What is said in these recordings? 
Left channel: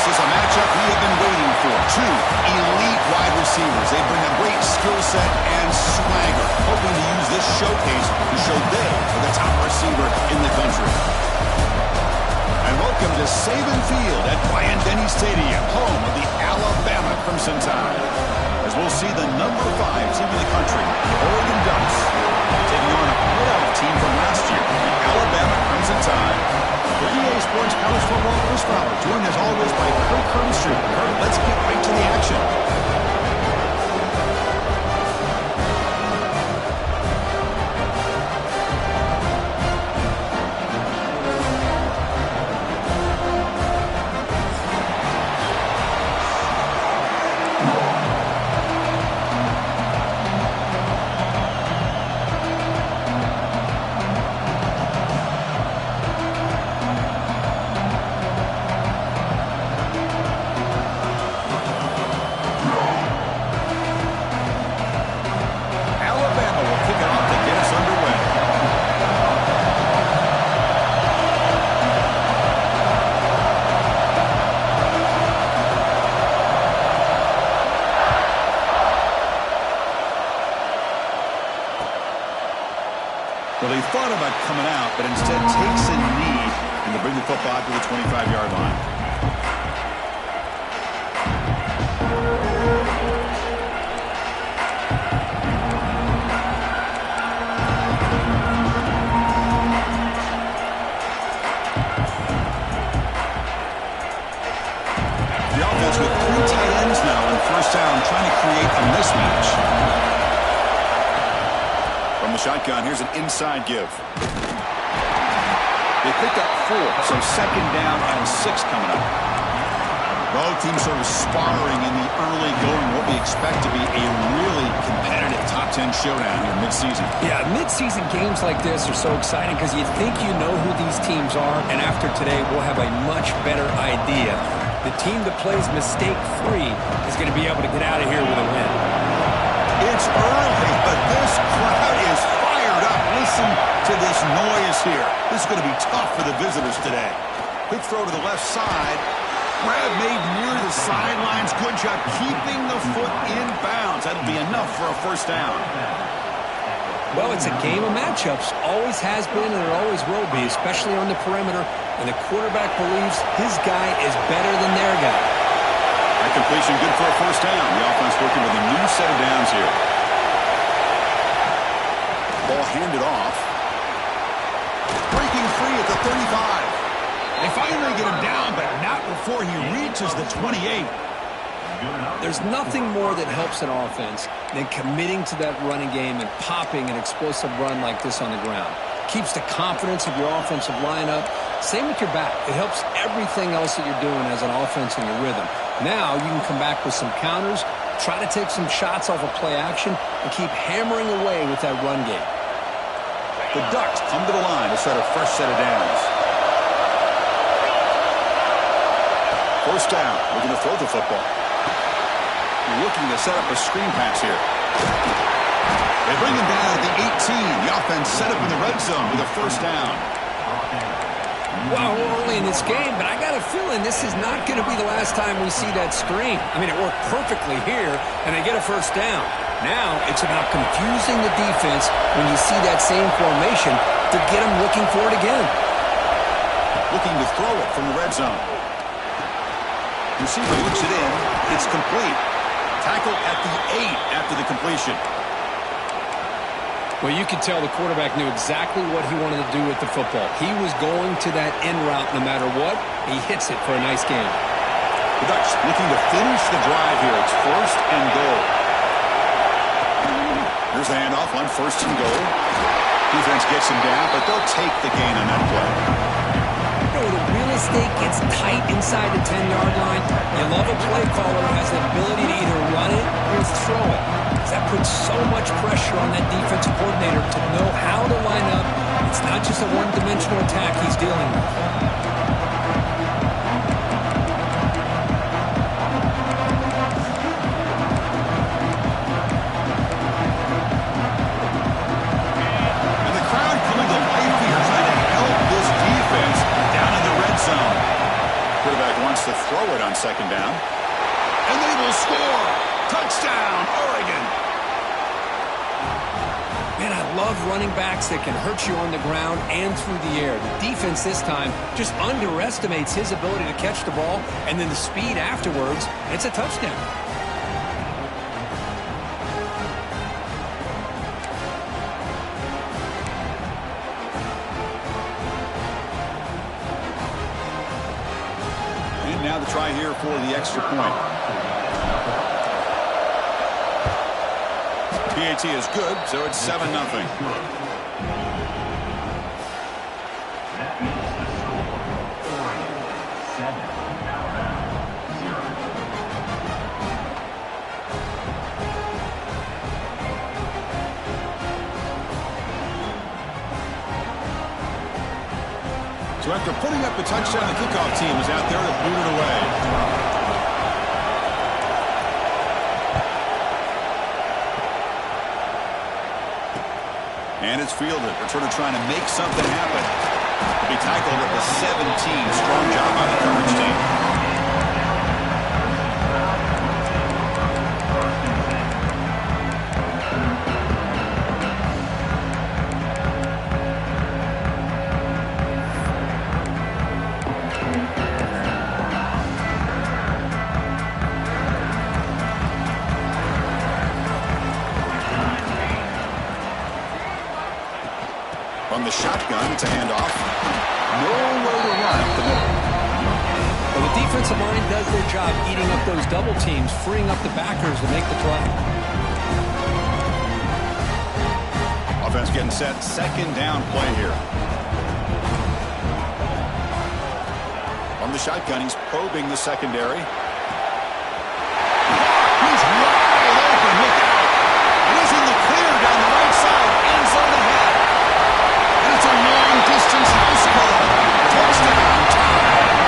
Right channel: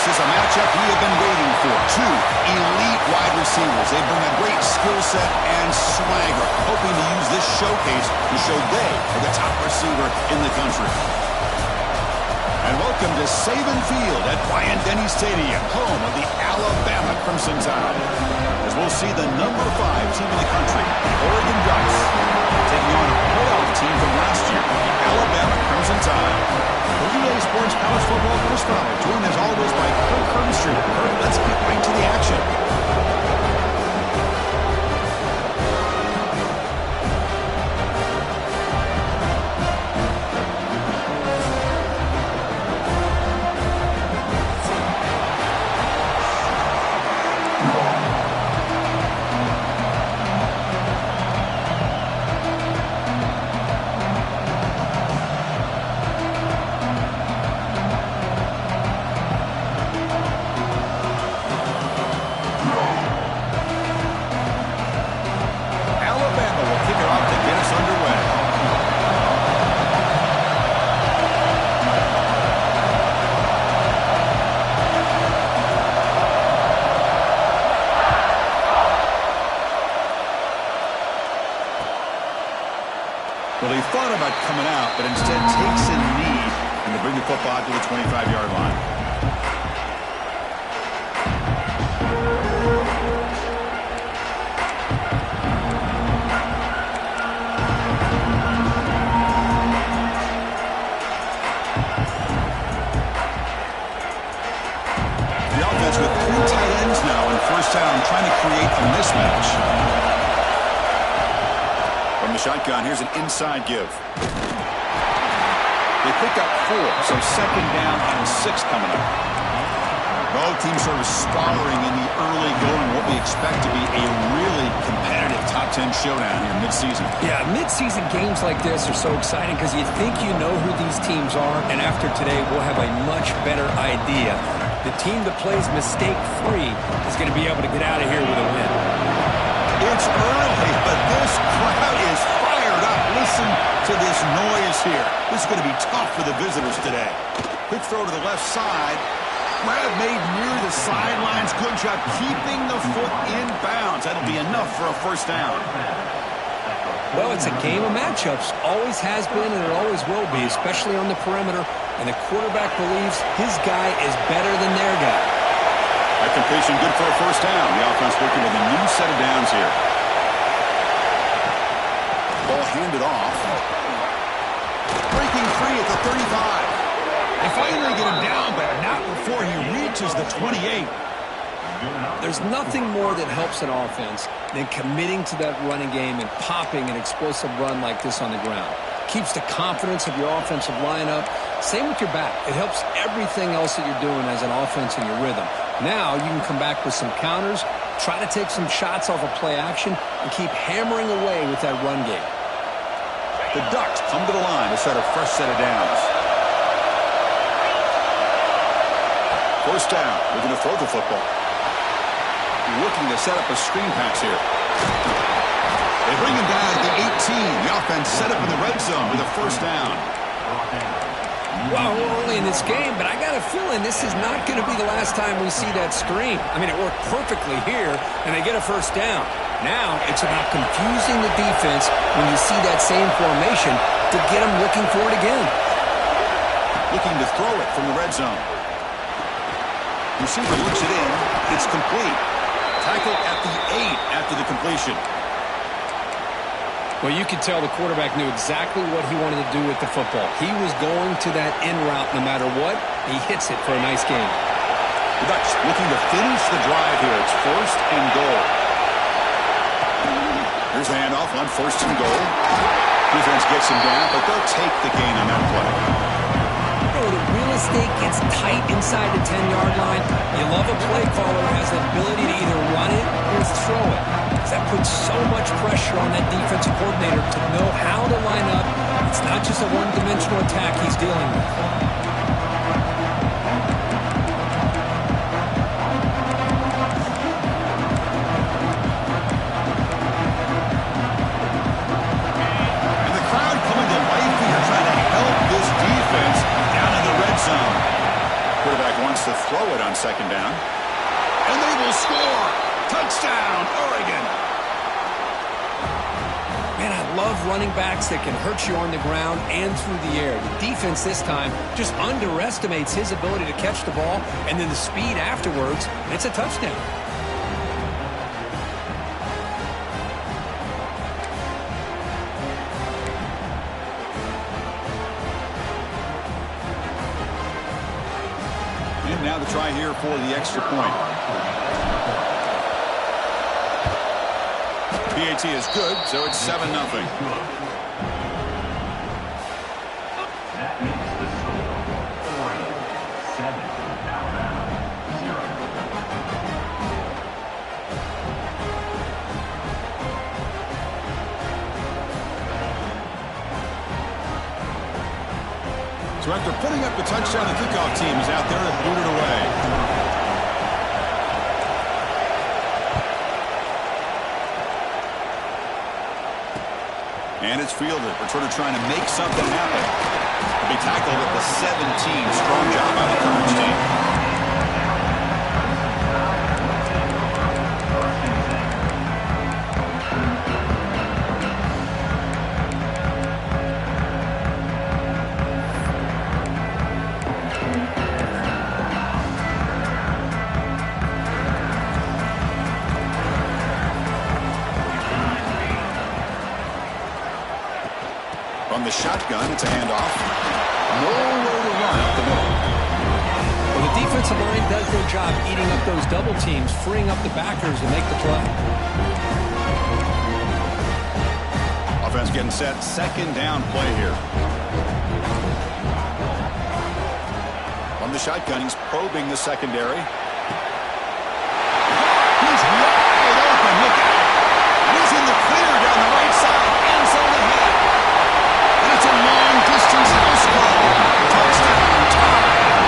This is a matchup we have been waiting for. Two elite wide receivers. They bring a great skill set and swagger, hoping to use this showcase to show they are the top receiver in the country. And welcome to Saban Field at Bryant-Denny Stadium, home of the Alabama Crimson Tide. As we'll see the number 5 team in the country, the Oregon Ducks, taking on a playoff team from last year, the Alabama Crimson Tide. For EA Sports College Football, Chris Fowler, joined as always by Kirk Herbstreit. Kirk, let's get right to the action. Well, he thought about coming out, but instead takes a knee and to bring the football to the 25-yard line. The offense with 3 tight ends now on first down, trying to create a mismatch. From the shotgun, here's an inside give. They pick up 4, so second down and 6 coming up. Both teams sort of sparring in the early going, what we expect to be a really competitive top 10 showdown here mid-season. Yeah, mid-season games like this are so exciting because you think you know who these teams are, and after today we'll have a much better idea. The team that plays mistake-free is going to be able to get out of here with a win. It's early, but this crowd is fired up. Listen to this noise here. This is going to be tough for the visitors today. Quick throw to the left side. Grab made near the sidelines. Good job keeping the foot in bounds. That'll be enough for a first down. Well, it's a game of matchups. Always has been and it always will be, especially on the perimeter. And the quarterback believes his guy is better than their guy. That completion good for a first down. The offense working with a new set of downs here. Ball handed off. Breaking free at the 35. They finally get him down, but not before he reaches the 28. There's nothing more that helps an offense than committing to that running game and popping an explosive run like this on the ground. Keeps the confidence of your offensive lineup. Same with your back. It helps everything else that you're doing as an offense in your rhythm. Now you can come back with some counters, try to take some shots off of play action, and keep hammering away with that run game. The Ducks come to the line to set a fresh set of downs. First down, looking to throw the football. Looking to set up a screen pass here. They bring him down at the 18. The offense set up in the red zone with a first down. Well, we're early in this game, but I got a feeling this is not going to be the last time we see that screen. I mean, it worked perfectly here, and they get a first down. Now it's about confusing the defense when you see that same formation to get them looking for it again. Looking to throw it from the red zone. Receiver looks it in. It's complete. Tackle at the 8 after the completion. Well, you could tell the quarterback knew exactly what he wanted to do with the football. He was going to that in route no matter what. He hits it for a nice game. The Ducks looking to finish the drive here. It's first and goal. Here's the handoff on first and goal. Defense gets him down, but they'll take the gain on that play. You know, the real estate gets tight inside the 10-yard line. You love a play caller who has the ability to either run it or throw it. That puts so much pressure on that defensive coordinator to know how to line up. It's not just a one-dimensional attack he's dealing with. wants to throw it on second down. And they will score. Touchdown, Oregon. Man, I love running backs that can hurt you on the ground and through the air. The defense this time just underestimates his ability to catch the ball, and then the speed afterwards, it's a touchdown. And now the try here for the extra point. PAT is good, so it's 7-0. That makes the score Oregon 7, Alabama 0. So after putting up the touchdown, the kickoff team is out there to boot it away. And it's fielded. Returner trying to make something happen. He'll be tackled at the 17. Strong job by the coverage team. From the shotgun, it's a handoff. Nowhere to run up the middle. Well, the defensive line does their job eating up those double teams, freeing up the backers to make the play. Offense getting set. Second down play here. From the shotgun, he's probing the secondary. He's wide open. Look out. And he's in the clear down the right side. End zone ahead. And it's a long-distance house call. Touchdown, tie.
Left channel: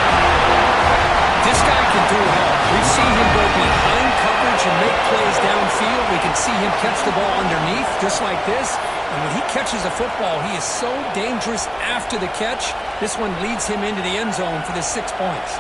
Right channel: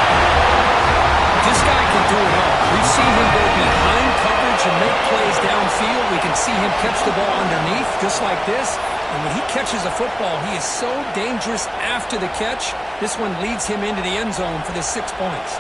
This guy can do it all. We've seen him go behind coverage and make plays downfield. We can see him catch the ball underneath, just like this. And when he catches a football, he is so dangerous after the catch. This one leads him into the end zone for the 6 points.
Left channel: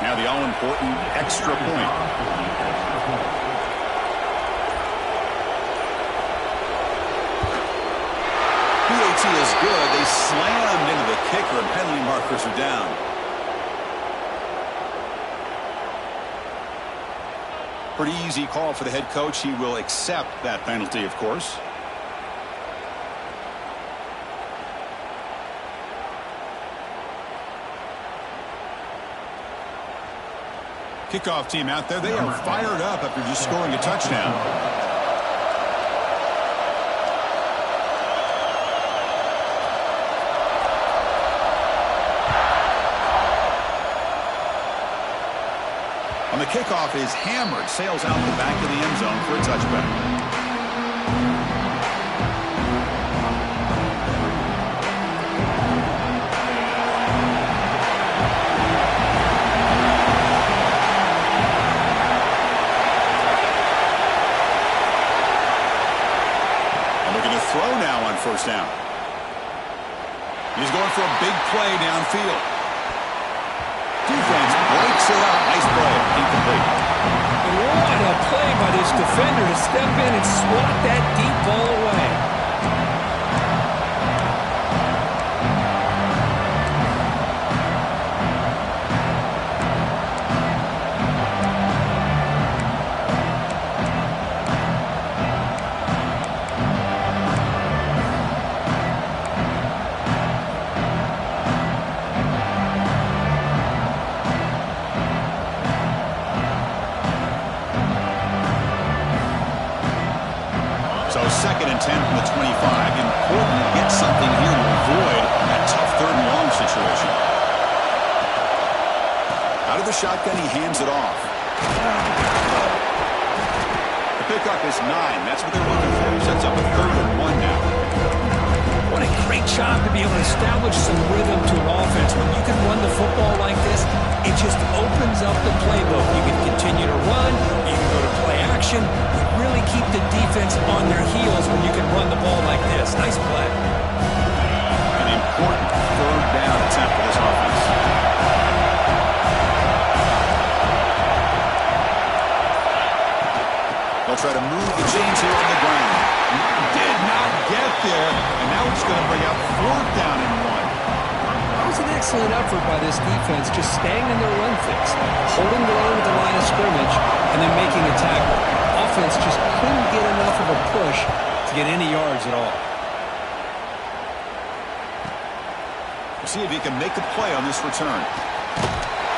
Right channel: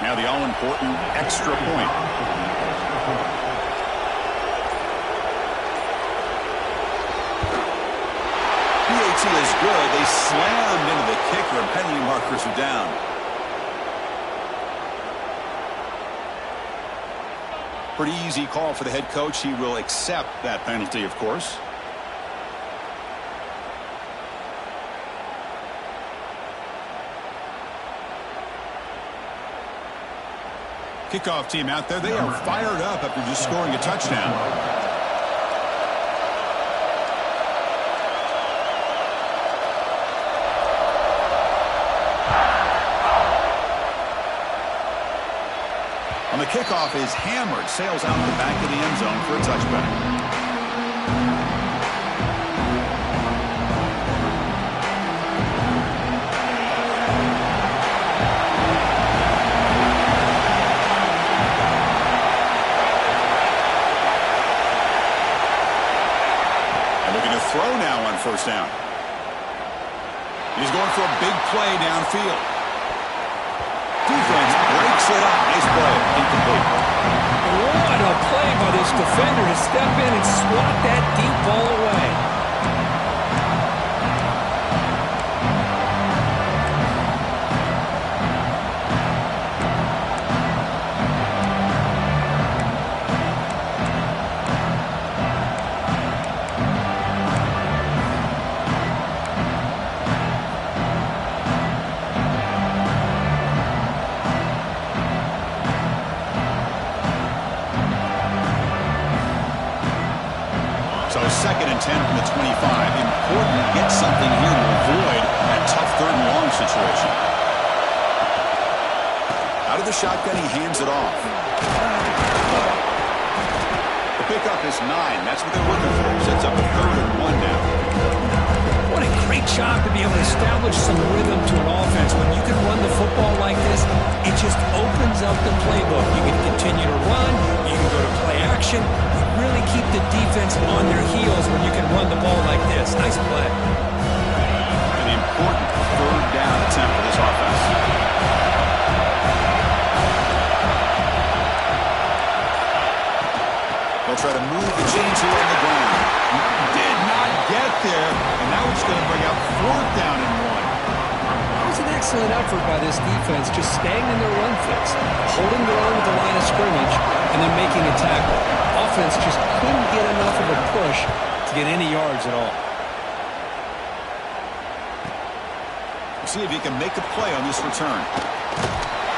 Now the all-important extra point. PAT is good. They slammed into the kicker, and penalty markers are down. Pretty easy call for the head coach. He will accept that penalty, of course. Kickoff team out there. They are fired up after just scoring a touchdown. On the kickoff is hammered. Sails out the back of the end zone for a touchback. Throw now on first down. He's going for a big play downfield. Defense breaks it up. Nice play. Incomplete. What a play by this defender to step in and swat that deep ball away. So 2nd and 10 from the 25. Important to get something here to avoid that tough 3rd and long situation. Out of the shotgun, he hands it off. The pickup is 9. That's what they're looking for. He sets up a 3rd and 1 now. What a great job to be able to establish some rhythm to an offense. When you can run the football like this, it just opens up the playbook. You can continue to run. You can go to play action. You really keep the defense on their heels when you can run the ball like this. Nice play. An important 3rd down attempt for this offense. They'll try to move the chains here on the ground. Did not get there, and now it's going to bring up 4th down and 1. That was an excellent effort by this defense, just staying in their run fix, holding their own at the line of scrimmage, and then making a tackle. Offense just couldn't get enough of a push to get any yards at all. We'll see if he can make a play on this return.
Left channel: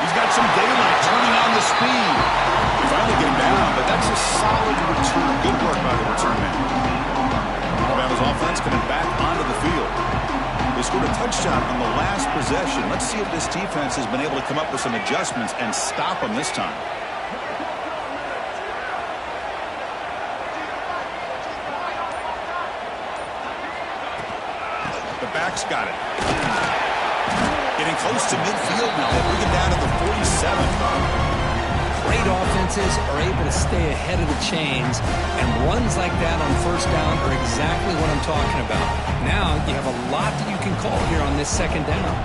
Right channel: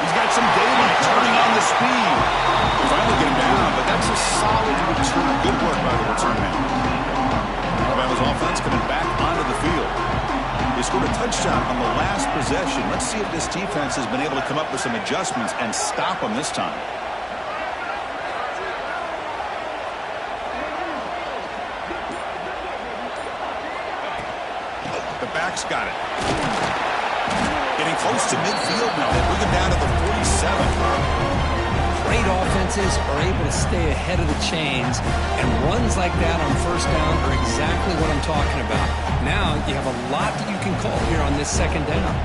He's got some daylight, turning on the speed. They finally get him down, but that's a solid return. Good work by the return man. Alabama's offense coming back onto the field. They scored a touchdown on the last possession. Let's see if this defense has been able to come up with some adjustments and stop them this time. The back's got it. Getting close to midfield now. They bring him down to the 47. Great offenses are able to stay ahead of the chains, and runs like that on 1st down are exactly what I'm talking about. Now you have a lot that you can call here on this 2nd down.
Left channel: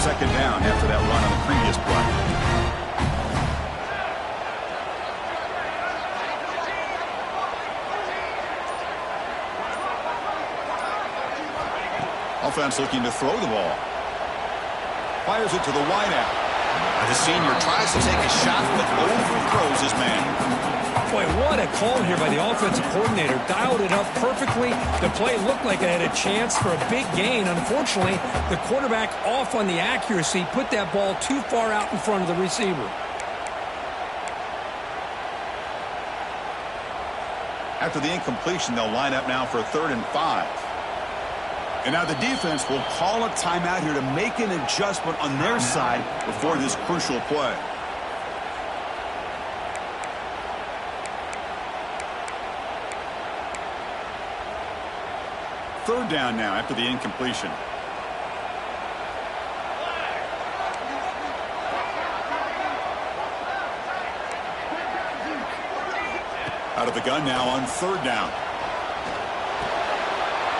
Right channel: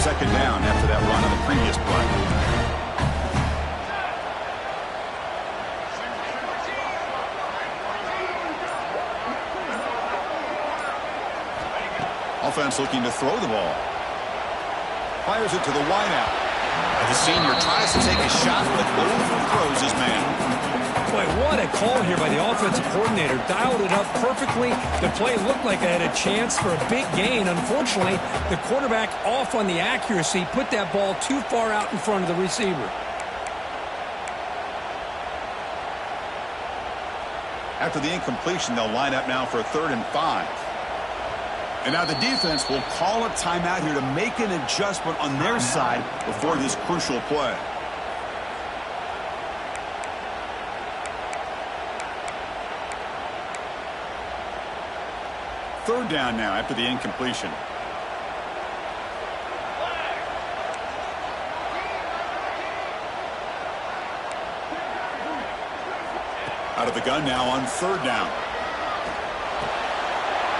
2nd down after that run on the previous play. Offense looking to throw the ball. Fires it to the wideout. The senior tries to take a shot, but overthrows his man. Boy, what a call here by the offensive coordinator. Dialed it up perfectly. The play looked like it had a chance for a big gain. Unfortunately, the quarterback off on the accuracy, put that ball too far out in front of the receiver. After the incompletion, they'll line up now for a 3rd and 5. And now the defense will call a timeout here to make an adjustment on their side before this crucial play. Third down now after the incompletion. Out of the gun now on 3rd down.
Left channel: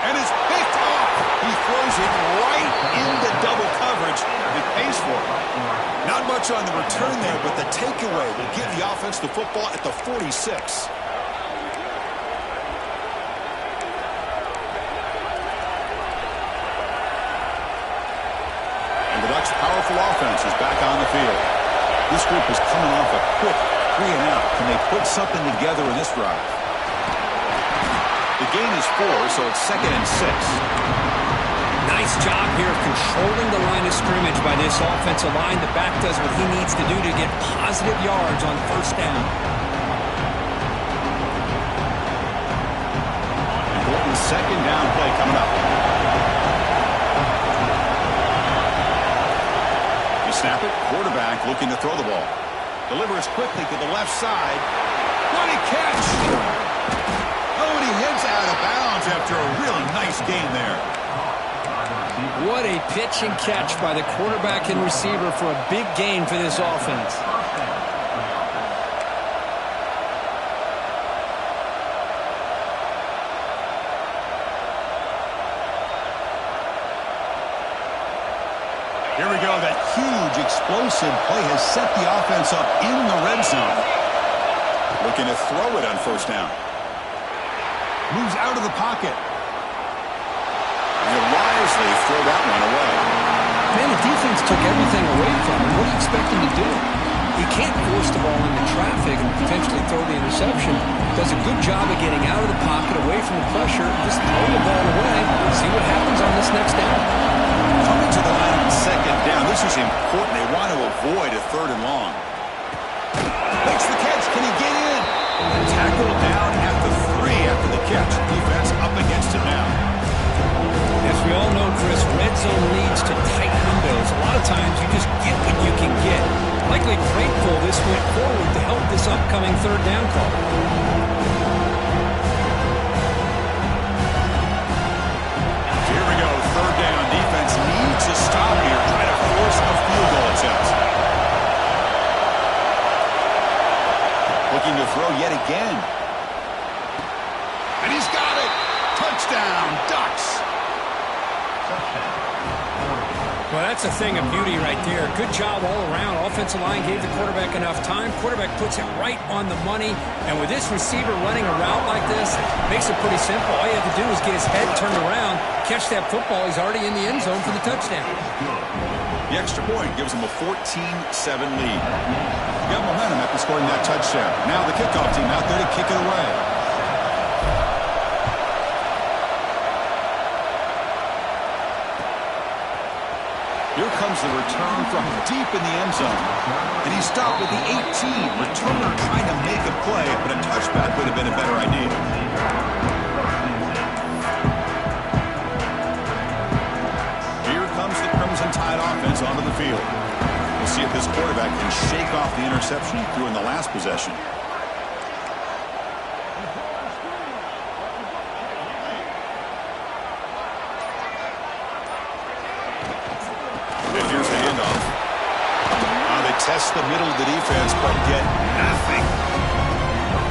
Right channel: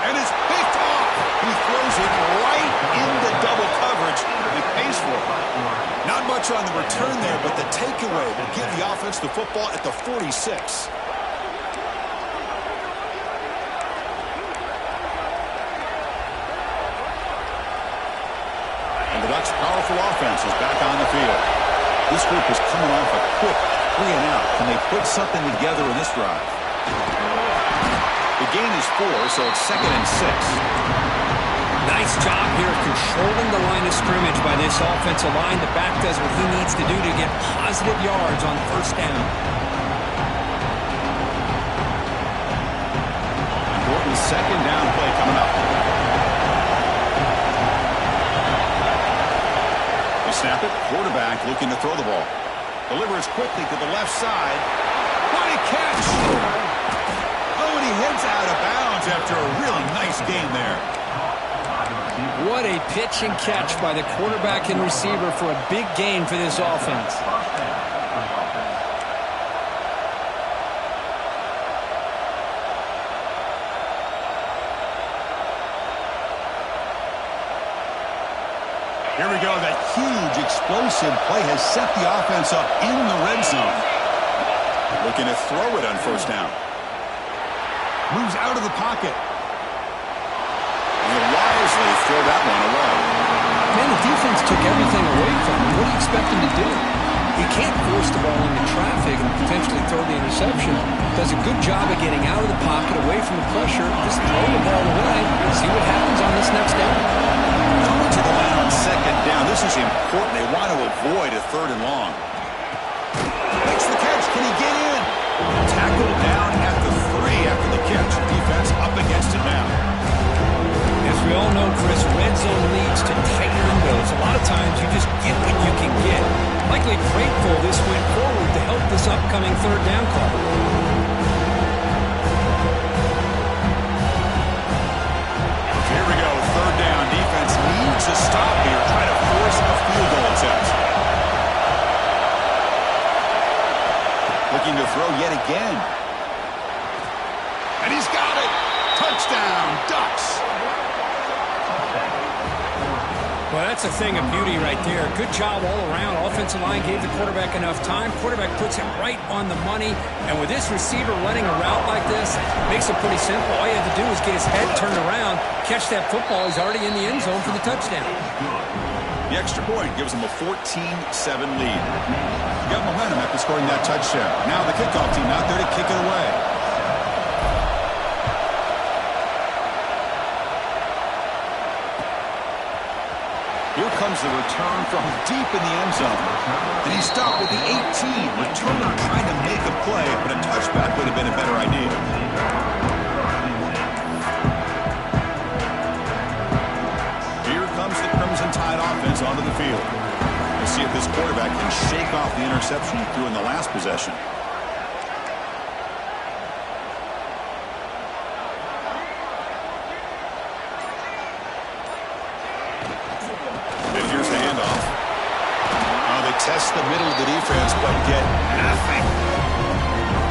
And it's picked off. He throws it right into double coverage and pays for it. Not much on the return there, but the takeaway will give the offense the football at the 46. And the Ducks' powerful offense is back on the field. This group is coming off a quick 3 and out. Can they put something together in this drive? The gain is 4, so it's 2nd and 6. Nice job here of controlling the line of scrimmage by this offensive line. The back does what he needs to do to get positive yards on 1st down. Important 2nd down play coming up. You snap it. Quarterback looking to throw the ball. Delivers quickly to the left side. What a catch! Oh, and he heads out of bounds after a really nice game there. What a pitch and catch by the quarterback and receiver for a big gain for this offense. Here we go. That huge explosive play has set the offense up in the red zone. Looking to throw it on 1st down. Moves out of the pocket. He'll wisely throw that one away. Man, the defense took everything away from him. What do you expect him to do? He can't force the ball into traffic and potentially throw the interception. Does a good job of getting out of the pocket, away from the pressure. Just throw the ball away. See what happens on this next down. Coming to the line on 2nd down. This is important. They want to avoid a 3rd and long. Makes the catch. Can he get in? Tackled down at the 3 after the catch. Defense up against it now. As we all know, Chris, red zone leads to tight windows. A lot of times you just get what you can get. Likely grateful this went forward to help this upcoming third down call. Here we go, third down. Defense needs to stop here, try to force a field goal attempt. Looking to throw yet again. And he's got it. Touchdown, Ducks. Well, that's a thing of beauty right there. Good job all around. Offensive line gave the quarterback enough time. Quarterback puts it right on the money. And with this receiver running a route like this, makes it pretty simple. All you have to do is get his head turned around, catch that football. He's already in the end zone for the touchdown. The extra point gives them a 14-7 lead. Got momentum after scoring that touchdown. Now the kickoff team out there to kick it away. Here comes the return from deep in the end zone. And he's stopped at the 18. Returner trying to make a play, but a touchback would have been a better idea. Here comes the Crimson Tide offense onto the field. We'll see if this quarterback can shake off the interception he threw in the last possession. Here's the handoff. They test the middle of the defense, but get nothing.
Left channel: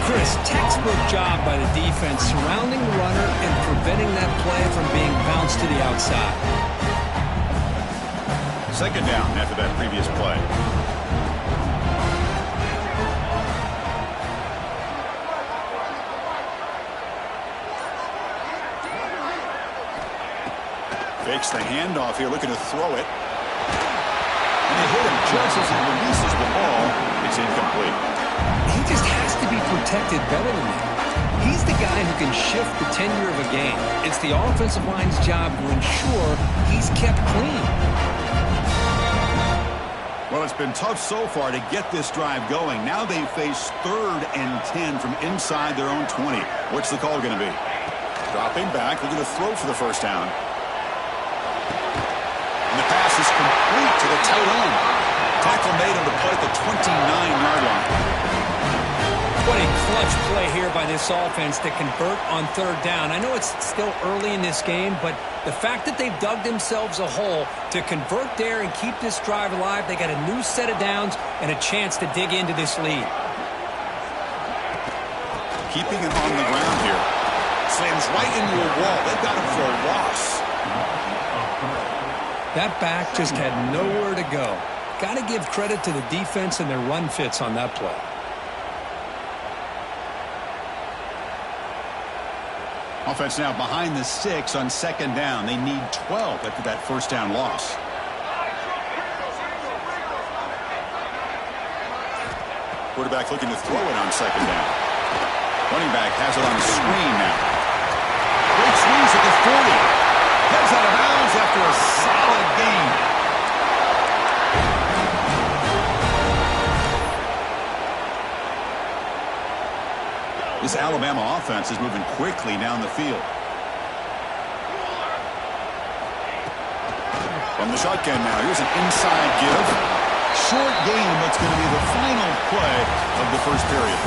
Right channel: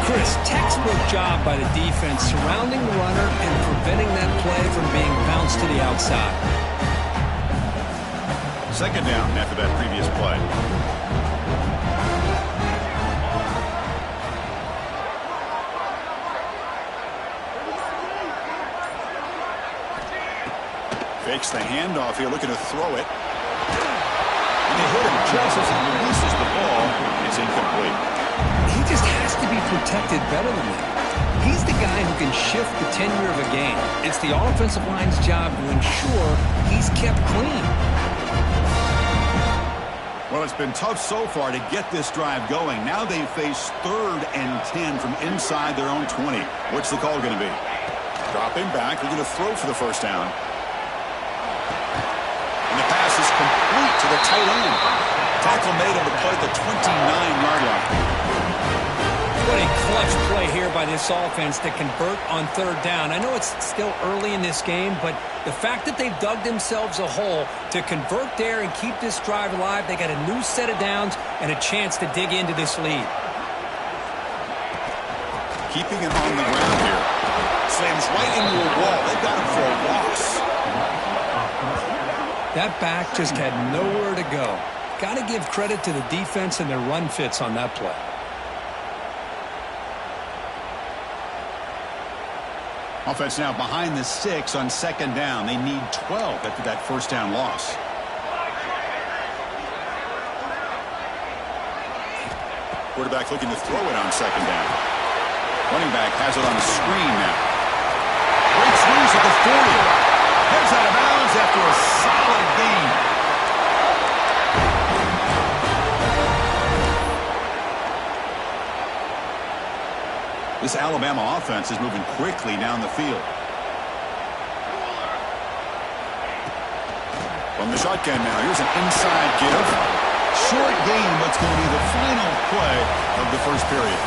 Chris, textbook job by the defense surrounding the runner and preventing that play from being bounced to the outside. Second down after that previous play. Fakes the handoff here, looking to throw it. And they hit him just as he releases the ball. It's incomplete. He just has to be protected better than that. He's the guy who can shift the tenure of a game. It's the offensive line's job to ensure he's kept clean. Well, it's been tough so far to get this drive going. Now they face 3rd and 10 from inside their own 20. What's the call going to be? Dropping back, looking to throw for the first down. And the pass is complete to the tight end. Tackle made on the play at the 29-yard line. What a clutch play here by this offense to convert on third down. I know it's still early in this game, but the fact that they've dug themselves a hole to convert there and keep this drive alive, they got a new set of downs and a chance to dig into this lead. Keeping it on the ground here. Slams right into a wall. They've got him for a loss. That back just had nowhere to go. Got to give credit to the defense and their run fits on that play. Offense now behind the 6 on second down. They need 12 after that first down loss. Quarterback looking to throw it on second down. Running back has it on a screen now. Great squeeze at the 40. Heads out of bounds after a solid gain. This Alabama offense is moving quickly down the field. From the shotgun now, here's an inside give. Short gain, but it's going to be the final play of the first period.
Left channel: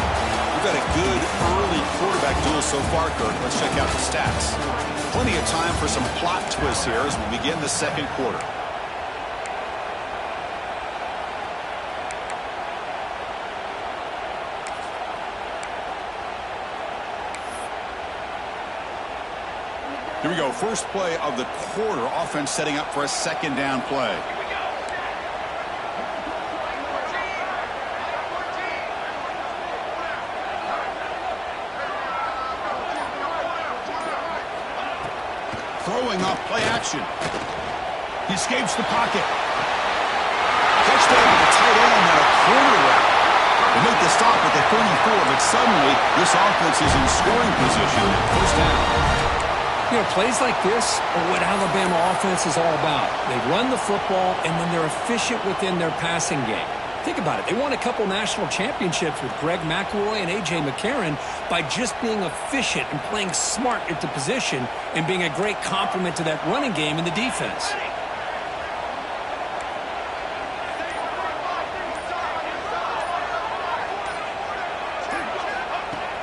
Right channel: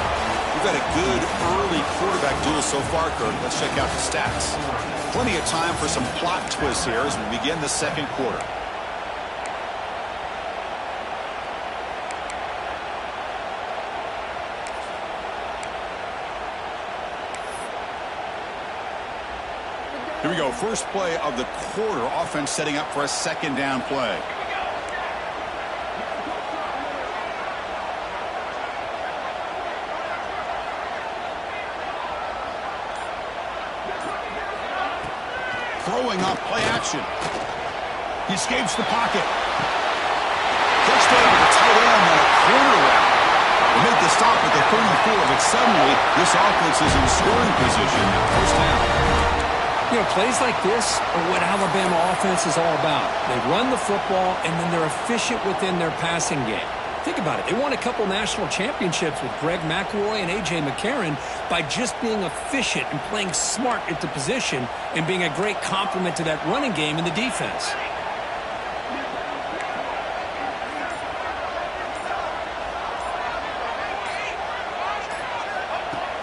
We've got a good early quarterback duel so far, Kirk. Let's check out the stats. Plenty of time for some plot twists here as we begin the second quarter. Here we go. First play of the quarter. Offense setting up for a second down play. Throwing off play action. He escapes the pocket. Touchdown to the tight end on a corner route. They make the stop at the 34, but suddenly this offense is in scoring position now. First down. You know, plays like this are what Alabama offense is all about. They run the football, and then they're efficient within their passing game. Think about it. They won a couple national championships with Greg McElroy and A.J. McCarron by just being efficient and playing smart at the position and being a great complement to that running game in the defense.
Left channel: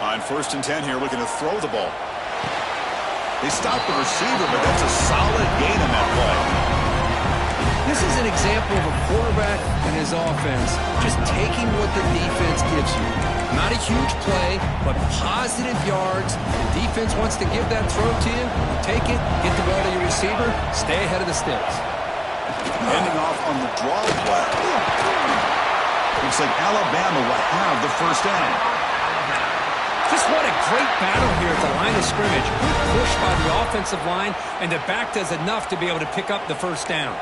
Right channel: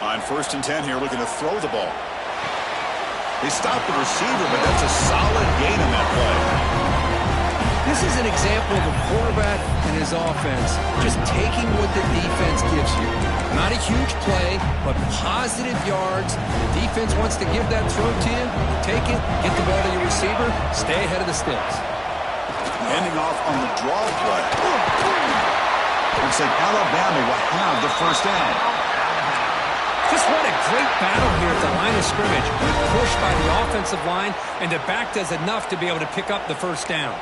On 1st and 10 here, looking to throw the ball. They stopped the receiver, but that's a solid gain on that play. This is an example of a quarterback and his offense just taking what the defense gives you. Not a huge play, but positive yards. The defense wants to give that throw to you. You take it, get the ball to your receiver, stay ahead of the sticks. Ending off on the draw play. Looks like Alabama will have the first down. Just what a great battle here at the line of scrimmage. Good push by the offensive line, and the back does enough to be able to pick up the first down.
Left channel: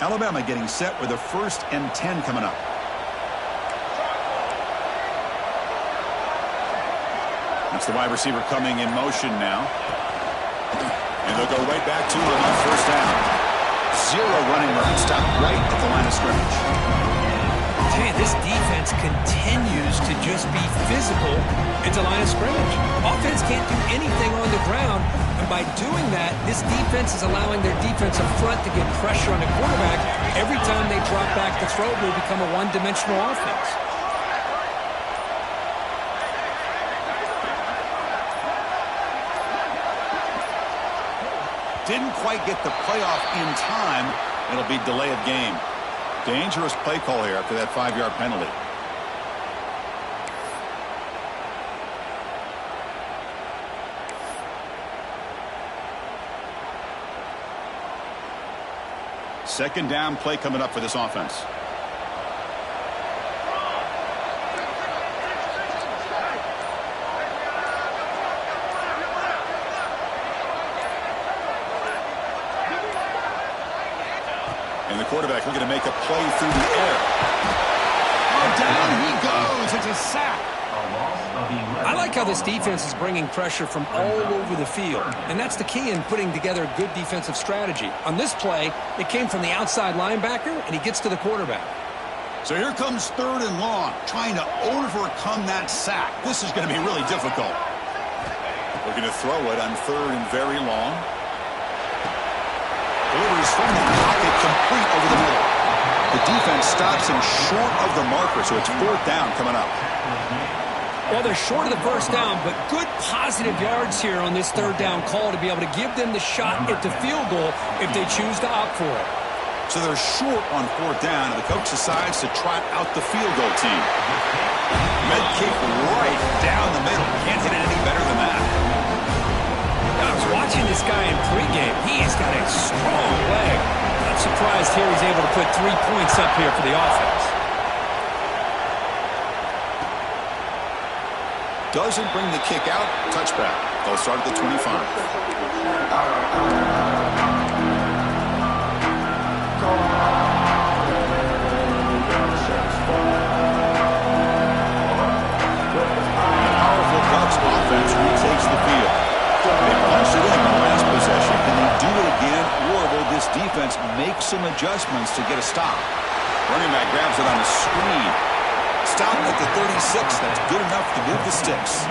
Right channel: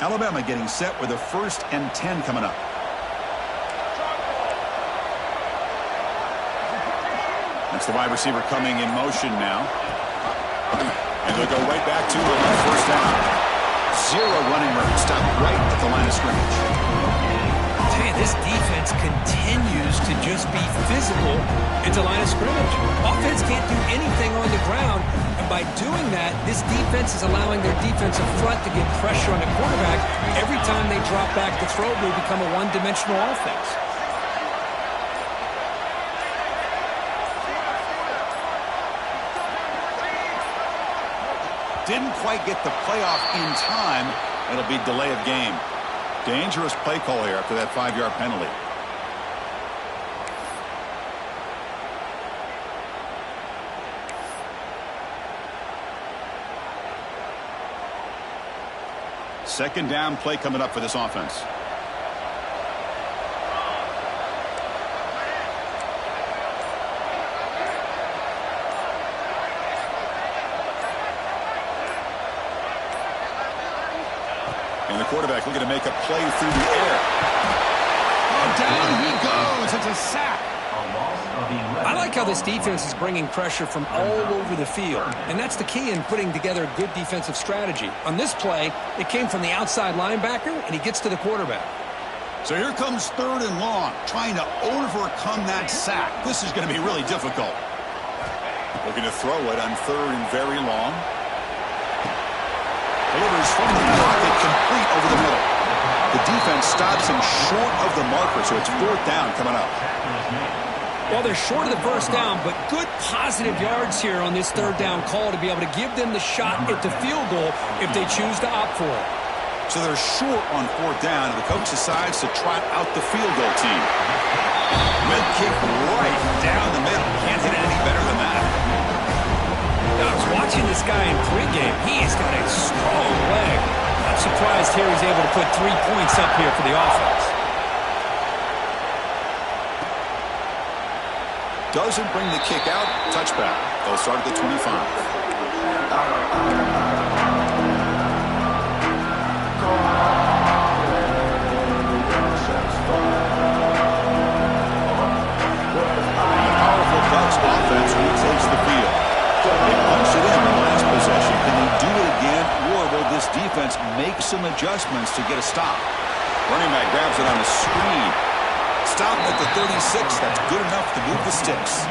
Alabama getting set with a 1st and 10 coming up. That's the wide receiver coming in motion now. And they'll go right back to him on 1st down. 0 running room. Stopped right at the line of scrimmage. Hey, this defense continues to just be physical at the line of scrimmage. Offense can't do anything on the ground, and by doing that, this defense is allowing their defensive front to get pressure on the quarterback. Every time they drop back to throw, they become a one-dimensional offense. Didn't quite get the playoff in time. It'll be delay of game. Dangerous play call here after that 5-yard penalty. Second down play coming up for this offense. And the quarterback looking to make a play through the air. Oh, down he goes. It's a sack. I like how this defense is bringing pressure from all over the field, and that's the key in putting together a good defensive strategy. On this play, it came from the outside linebacker, and he gets to the quarterback. So here comes 3rd and long, trying to overcome that sack. This is going to be really difficult. Looking to throw it on 3rd and very long. Delivers from the pocket, complete over the middle. The defense stops him short of the marker, so it's 4th down coming up. Well, they're short of the first down, but good positive yards here on this 3rd down call to be able to give them the shot at the field goal if they choose to opt for it. So they're short on 4th down, and the coach decides to trot out the field goal team. Mid kick right down the middle. Can't hit it any better than that. I was watching this guy in pregame. He has got a strong leg. I'm surprised here he's able to put 3 points up here for the offense. Doesn't bring the kick out. Touchback. They'll start at the 25. Powerful Ducks offense retakes the field. They punched it in the last possession. Can they do it again, or will this defense make some adjustments to get a stop? Running back grabs it on the screen. Stop at the 36. That's good enough to move the sticks.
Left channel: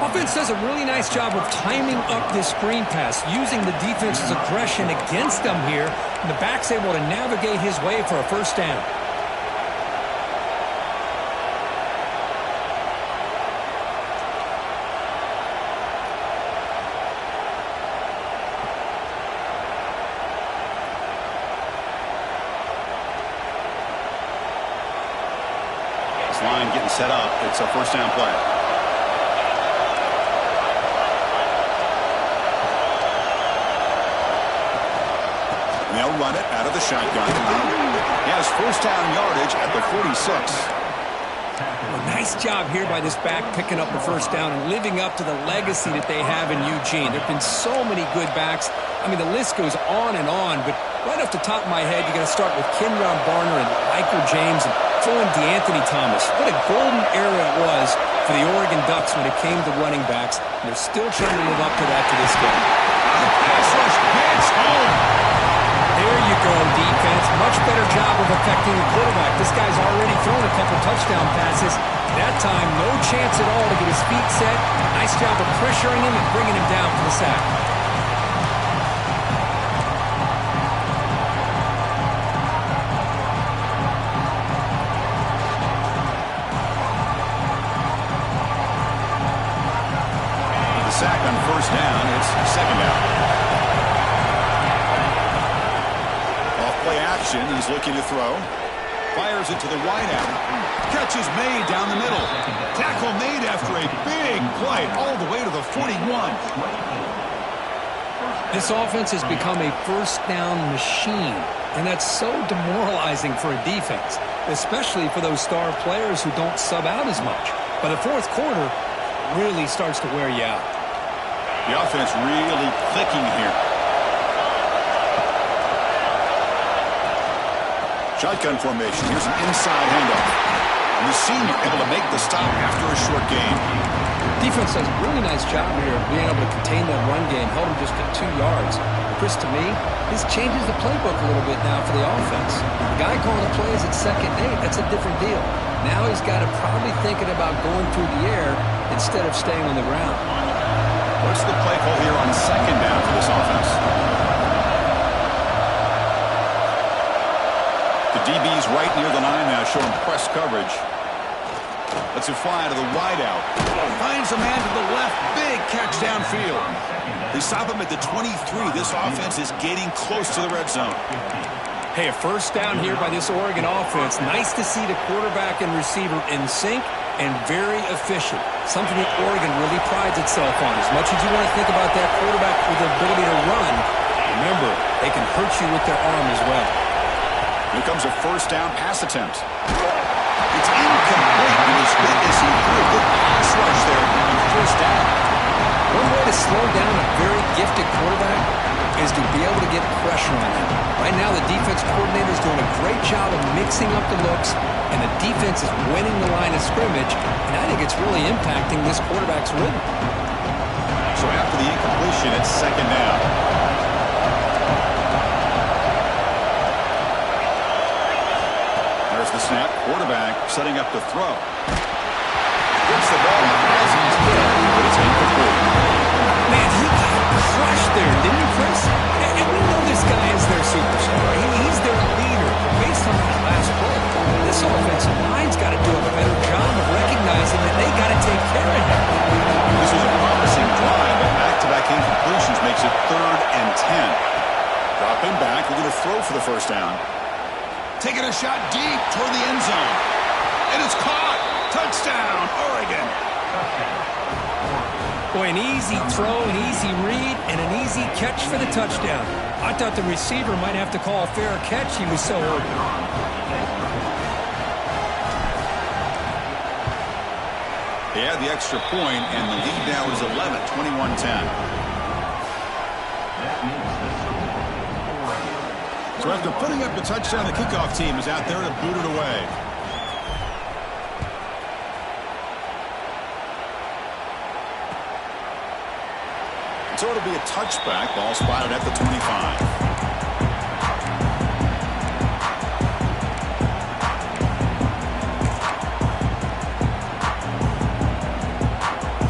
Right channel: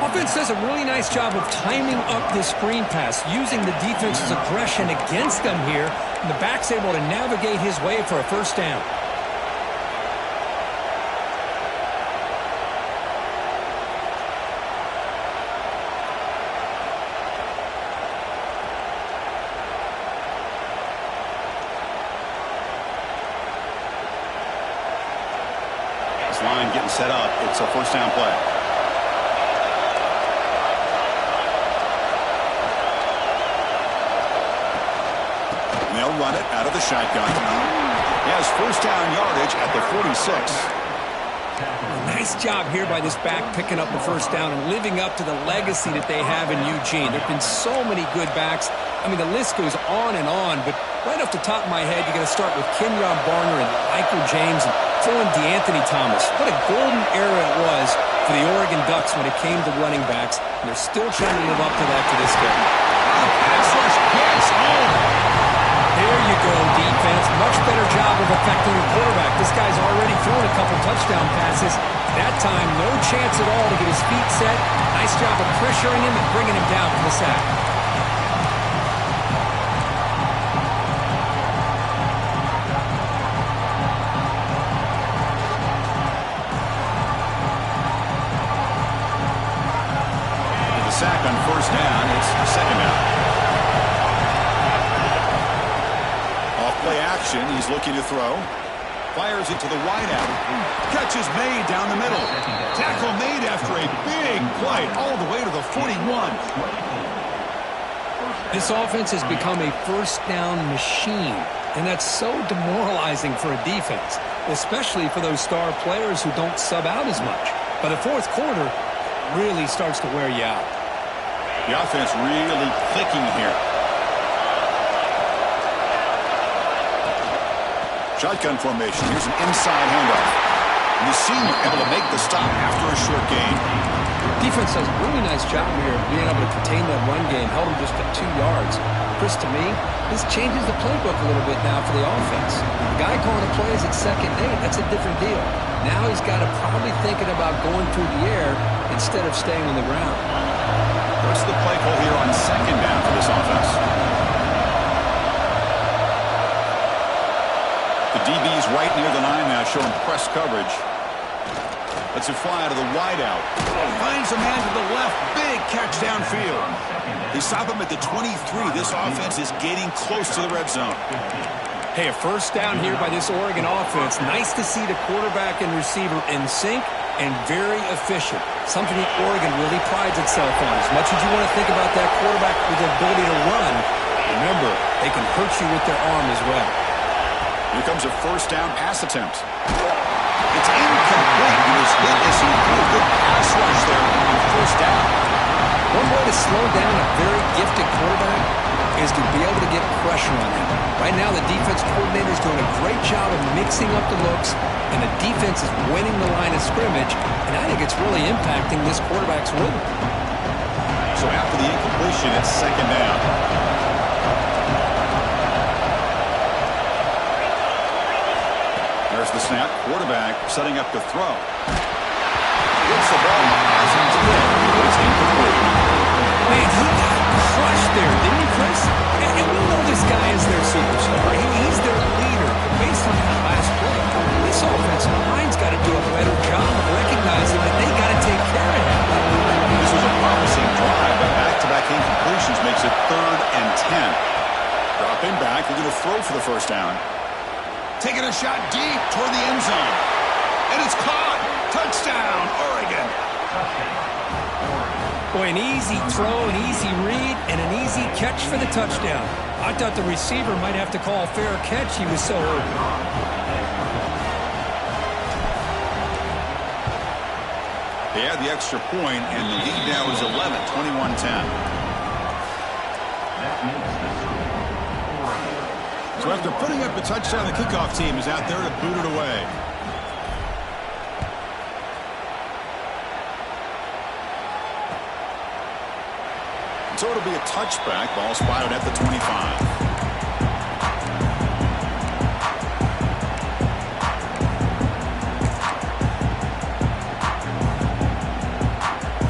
Offense does a really nice job of timing up this screen pass, using the defense's aggression against them here, and the back's able to navigate his way for a first down. This line getting set up. It's a first down play. And they'll run it out of the shotgun. He has first down yardage at the 46. Nice job here by this back picking up the first down and living up to the legacy that they have in Eugene. There have been so many good backs. I mean, the list goes on, but right off the top of my head, you got to start with Kenyon Barner and Michael James and throw in DeAnthony Thomas. What a golden era it was for the Oregon Ducks when it came to running backs. And they're still trying to live up to that to this day. The pass rush gets home. There you go, defense. Much better job of affecting the quarterback. This guy's already thrown a couple touchdown passes. That time, no chance at all to get his feet set. Nice job of pressuring him and bringing him down for the sack. With the sack on first down, it's second down. Off play action, he's looking to throw. Fires it to the wideout. Catch is made down the middle. Tackle made after a big play all the way to the 41. This offense has become a first down machine, and that's so demoralizing for a defense, especially for those star players who don't sub out as much. By the fourth quarter, it really starts to wear you out. The offense really clicking here. Shotgun formation. Here's an inside handoff. And the senior able to make the stop after a short gain. Defense does a really nice job here of being able to contain that run game. Held him just at 2 yards. Chris, to me, this changes the playbook a little bit now for the offense. The guy calling the plays at 2nd and 8, that's a different deal. Now he's got to probably thinking about going through the air instead of staying on the ground. What's the play call here on second down for this offense? The DB's right near the line now, showing press coverage. Lets it fly to the wideout. Finds a man to the left. Big catch downfield. They stop him at the 23. This offense is getting close to the red zone. Hey, a first down here by this Oregon offense. Nice to see the quarterback and receiver in sync and very efficient. Something that Oregon really prides itself on. As much as you want to think about that quarterback with the ability to run, remember, they can hurt you with their arm as well. Here comes a first down pass attempt. It's incomplete. He was hit as he threw a good pass rush there on first down. One way to slow down a very gifted quarterback is to be able to get pressure on him. Right now, the defense coordinator is doing a great job of mixing up the looks, and the defense is winning the line of scrimmage, and I think it's really impacting this quarterback's rhythm. So after the incompletion, it's second down. There's the snap. Quarterback setting up to throw. Gets the ball as he's hit, but it's incomplete. Man, he got crushed there, didn't he, Chris? And we know this guy is their superstar. He's their leader. But based on that last play, this offensive line's got to do a better job of recognizing that they got to take care of him. This was a promising drive, but back-to-back incompletions makes it 3rd and 10. Dropping back, looking to throw for the first down. Taking a shot deep toward the end zone. And it's caught. Touchdown, Oregon. Boy, an easy throw, an easy read, and an easy catch for the touchdown. I thought the receiver might have to call a fair catch. He was so open. They had the extra point, and the lead now is 11, 21-10. So after putting up the touchdown, the kickoff team is out there to boot it away. So it'll be a touchback. Ball spotted at the 25.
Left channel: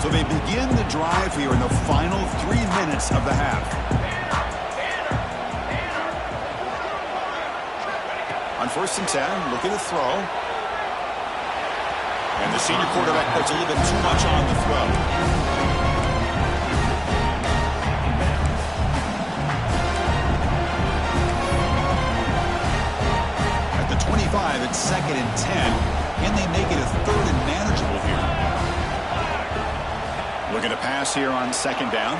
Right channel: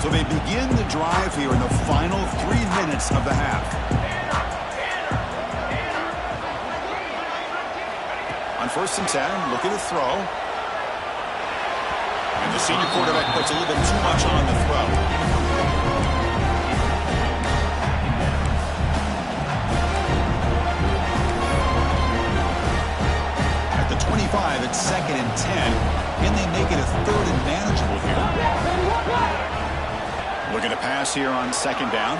So they begin the drive here in the final 3 minutes of the half. On 1st and 10, looking to throw. And the senior quarterback puts a little bit too much on the throw. At the 25, it's 2nd and 10. Can they make it a 3rd and manageable here? Looking to pass here on 2nd down.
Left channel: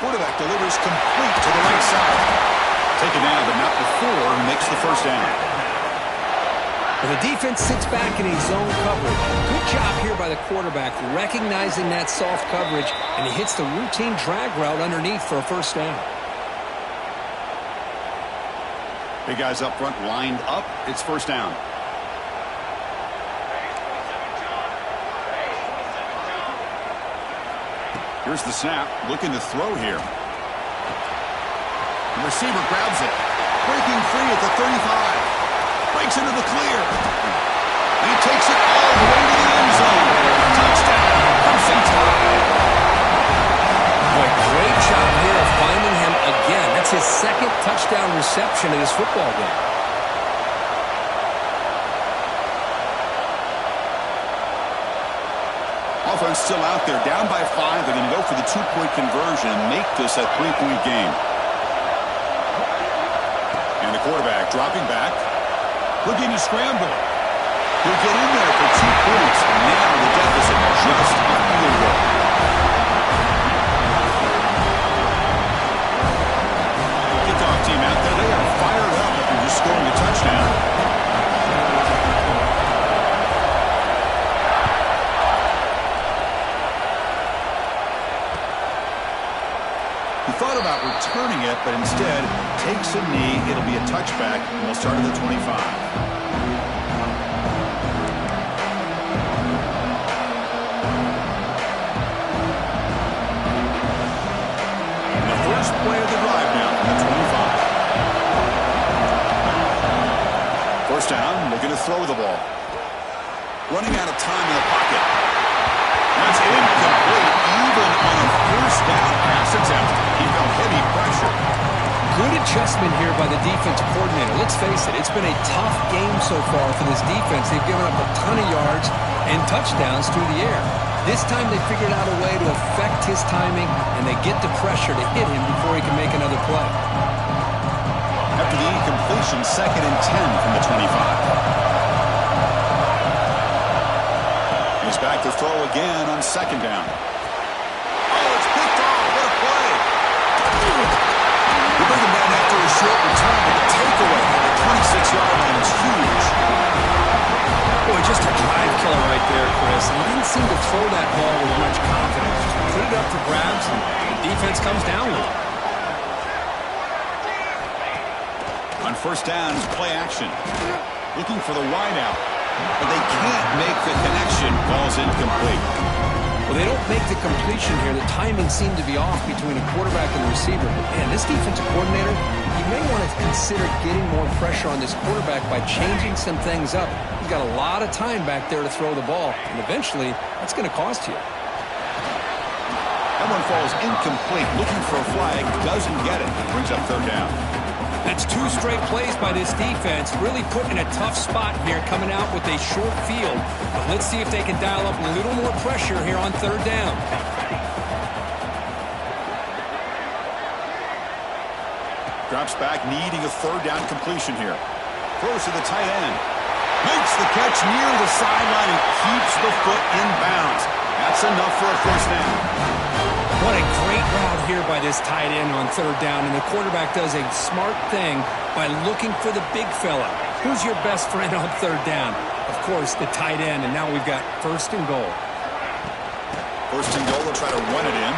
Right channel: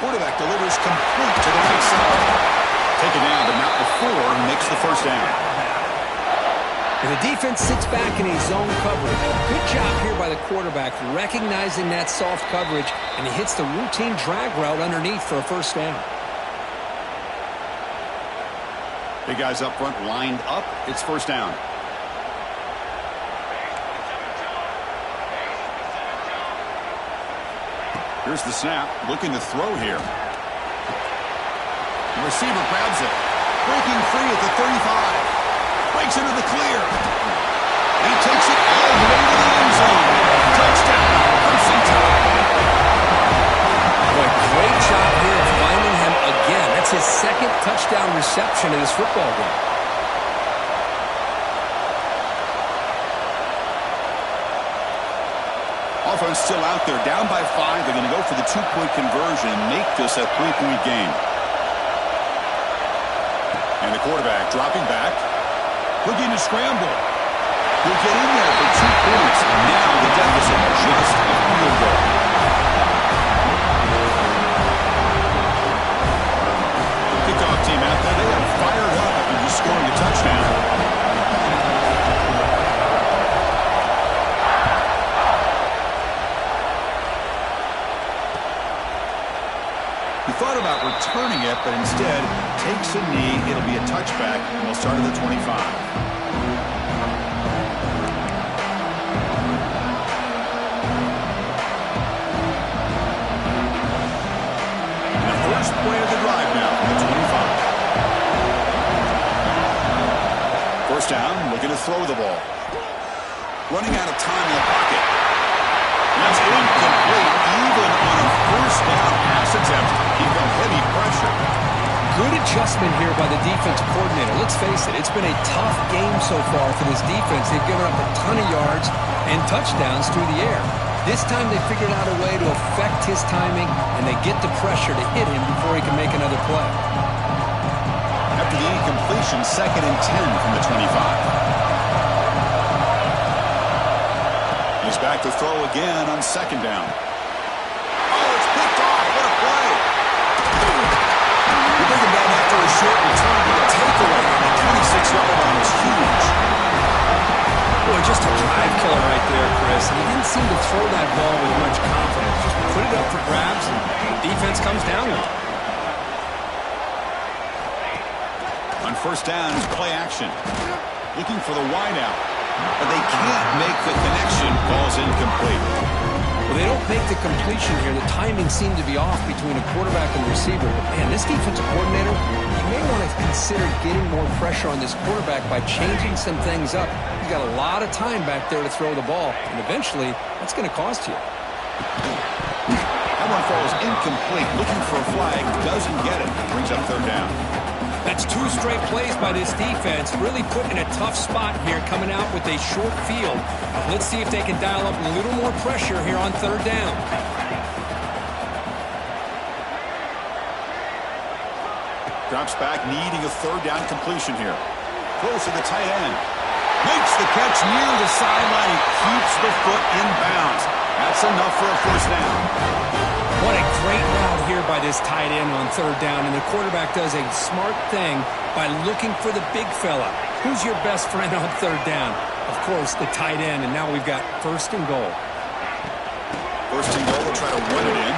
Quarterback delivers complete to the right side. Taken down, but not before he makes the first down. And the defense sits back in a zone coverage. Good job here by the quarterback, recognizing that soft coverage, and he hits the routine drag route underneath for a first down. Big guys up front lined up. It's first down. Here's the snap. Looking to throw here. The receiver grabs it. Breaking free at the 35. Breaks into the clear. again. That's his second touchdown reception in this football game. Offense still out there, down by 5. They're going to go for the 2-point conversion and make this a 3-point game. And the quarterback dropping back, looking to scramble. He'll get in there for 2 points. Now the deficit, just a field goal. Kickoff team out there, they are fired up after just scoring a touchdown. He thought about returning it, but instead takes a knee. It'll be a touchback, and we'll start at the 25. And the first play of the drive now from the 25. First down, looking to throw the ball. Running out of time in the pocket. That's incomplete. Even on a first down pass attempt, he felt heavy pressure. Good adjustment here by the defensive coordinator. Let's face it, it's been a tough game so far for this defense. They've given up a ton of yards and touchdowns through the air. This time they figured out a way to affect his timing, and they get the pressure to hit him before he can make another play. After the incompletion, 2nd and 10 from the 25. He's back to throw again on 2nd down. Oh, it's picked off. What a play. We bring him down after a short return, but the takeaway at the 26-yard line is huge. Boy, just a drive killer right there, Chris. And he didn't seem to throw that ball with much confidence. Just put it up for grabs, and the defense comes down with it. On first down, it's play action. Looking for the wideout. But they can't make the connection. Ball's incomplete. Well, they don't make the completion here. The timing seemed to be off between a quarterback and the receiver. But, man, this defensive coordinator, you may want to consider getting more pressure on this quarterback by changing some things up. He's got a lot of time back there to throw the ball. And eventually, that's going to cost you. That one falls incomplete. Looking for a flag. Doesn't get it. Brings up 3rd down. That's 2 straight plays by this defense. Really put in a tough spot here, coming out with a short field. But let's see if they can dial up a little more pressure here on 3rd down. Drops back, needing a 3rd down completion here. Throws to the tight end. Makes the catch near the sideline and keeps the foot in bounds. That's enough for a first down. What a great route here by this tight end on 3rd down, and the quarterback does a smart thing by looking for the big fella. Who's your best friend on 3rd down? Of course, the tight end, and now we've got 1st and goal. 1st and goal, they'll try to run it in.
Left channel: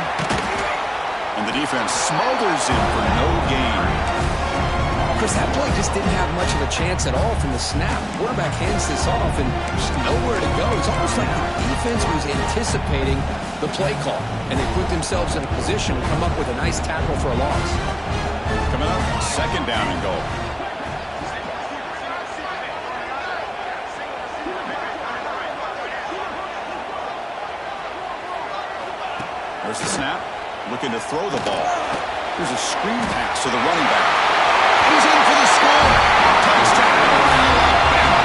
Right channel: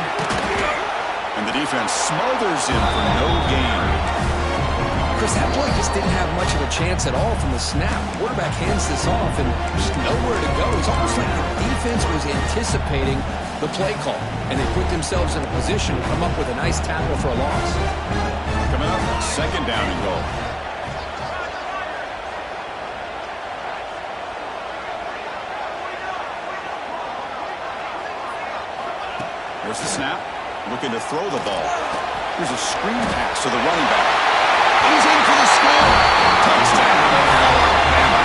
And the defense smothers him for no gain. Chris, that play just didn't have much of a chance at all from the snap. The quarterback hands this off, and just nowhere to go. It's almost like the defense was anticipating the play call, and they put themselves in a position to come up with a nice tackle for a loss. Coming up, 2nd down and goal. There's the snap, looking to throw the ball. Here's a screen pass to the running back. He's in for the score. Touchdown, Alabama.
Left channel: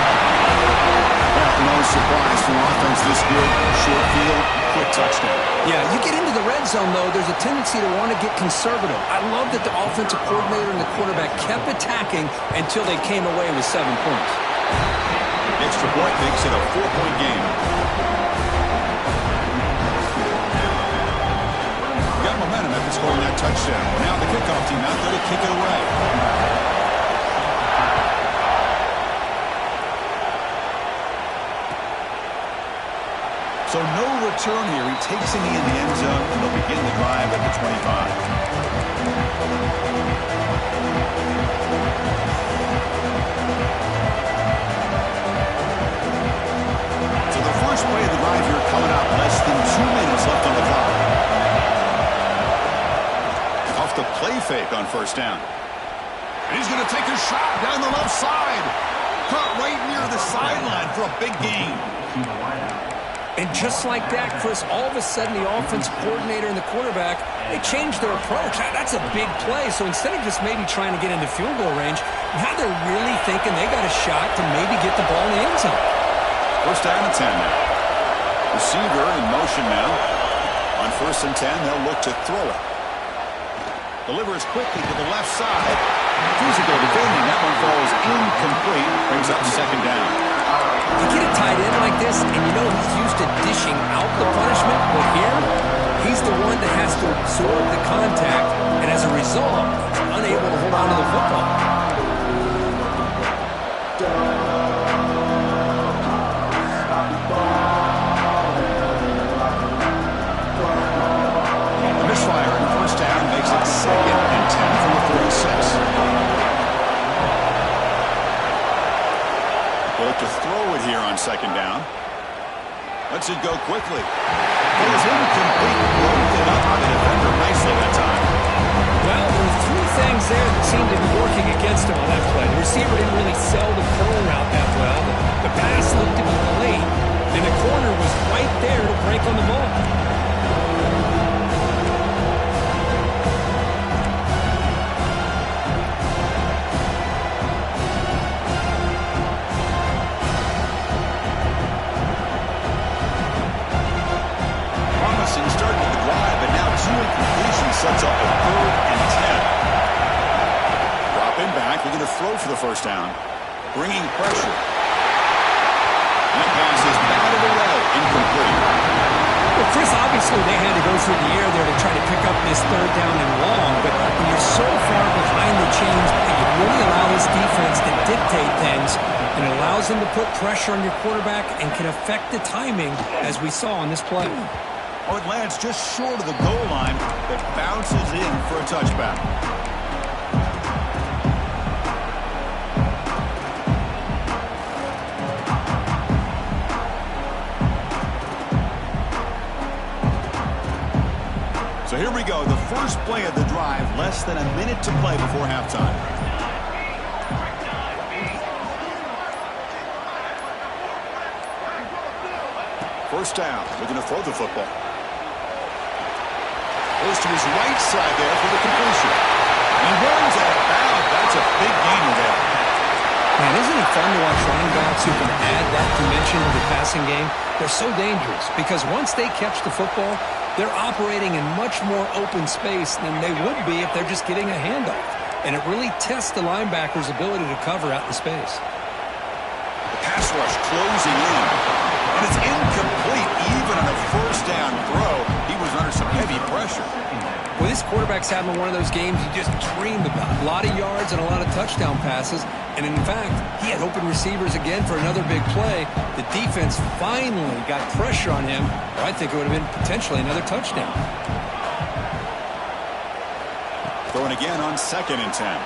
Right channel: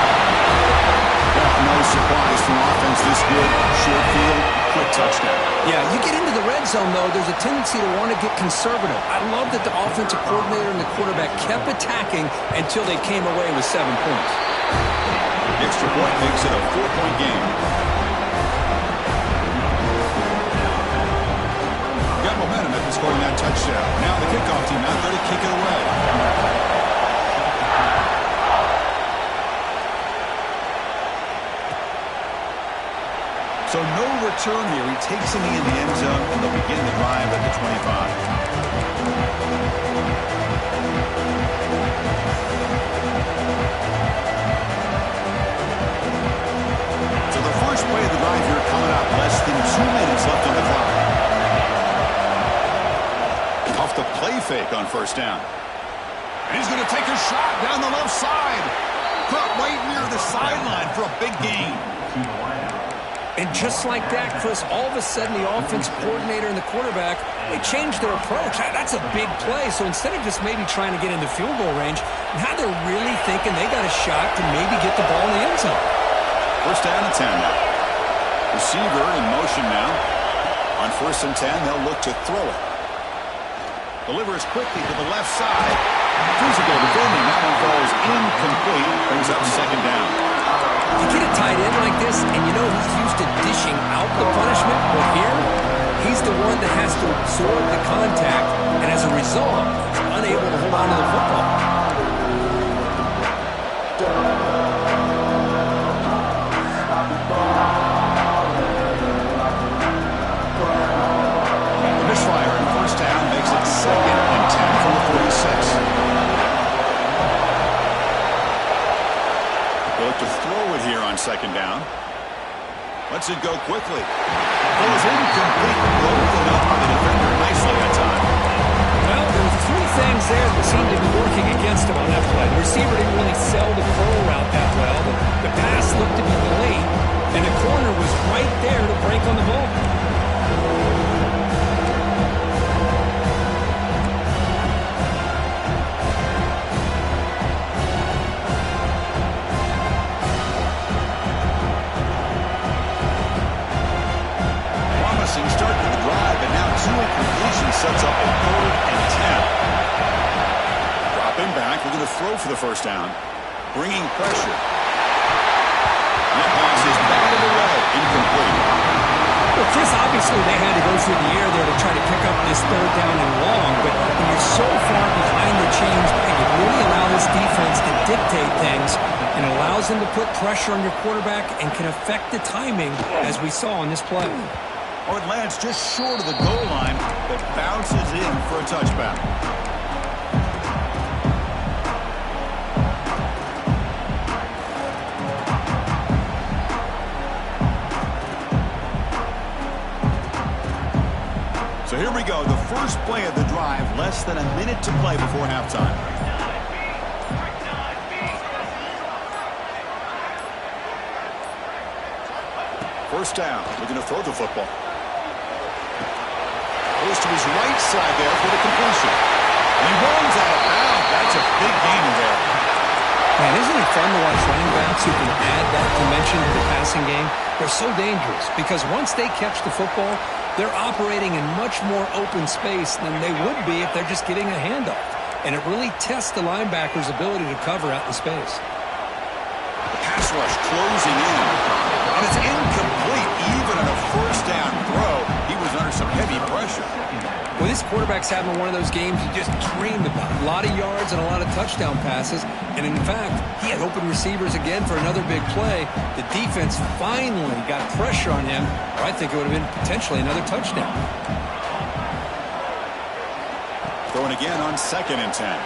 Well, no surprise from offense this good. Short field, quick touchdown. Yeah, you get into the red zone, though, there's a tendency to want to get conservative. I love that the offensive coordinator and the quarterback kept attacking until they came away with 7 points. The extra point makes it a 4-point game. Got momentum after scoring that touchdown. Now the kickoff team out there to kick it away. So no return here. He takes a knee in the end zone, and they'll begin the drive at the 25. So the first play of the drive here coming up. Less than 2 minutes left on the clock. Off the play fake on 1st down. And he's going to take a shot down the left side. Caught right near the sideline for a big gain. To the wideout. And just like that, Chris, all of a sudden the offense coordinator and the quarterback, they changed their approach. That's a big play. So instead of just maybe trying to get into field goal range, now they're really thinking they got a shot to maybe get the ball in the end zone. First down and 10 now. Receiver in motion now. On 1st and 10, they'll look to throw it. Delivers quickly to the left side. Physical defending. That one falls incomplete. Brings up 2nd down. You get a tight end like this, and you know he's used to dishing out the punishment, but here, he's the one that has to absorb the contact, and as a result, he's unable to hold on to the football. The misfire in 1st down makes it 2nd and 10 from the 46. They look to throw it here on 2nd down. Lets it go quickly. It was incomplete. Broken up by the defender nicely that time. Well, there were 3 things there that seemed to be working against him on that play. The receiver didn't really sell the curl route that well. The pass looked to be delayed, and the corner was right there to break on the ball. Start to the drive, but now 2 incompletions sets up a 3rd and 10. Dropping back, looking to throw for the 1st down. Bringing pressure. That pass is batted away, incomplete. Well, Chris, obviously they had to go through the air there to try to pick up this 3rd down and long, but when you're so far behind the chains, you really allow this defense to dictate things, and it allows them to put pressure on your quarterback and can affect the timing, as we saw on this play. Oh, it lands just short of the goal line, but bounces in for a touchback. So here we go, the first play of the drive, less than a minute to play before halftime. First down, looking to throw the football. Goes to his right side there for the completion. And he runs out of bounds. That's a big gainer there. Man, isn't it fun to watch running backs who can add that dimension to the passing game? They're so dangerous because once they catch the football, they're operating in much more open space than they would be if they're just getting a handoff. And it really tests the linebacker's ability to cover out in space. The pass rush closing in. And it's incomplete even on a 1st down throw. He was under some heavy pressure. Well, this quarterback's having one of those games you just dream about. A lot of yards and a lot of touchdown passes. And in fact, he had open receivers again for another big play. The defense finally got pressure on him, or I think it would have been potentially another touchdown. Throwing again on 2nd and 10.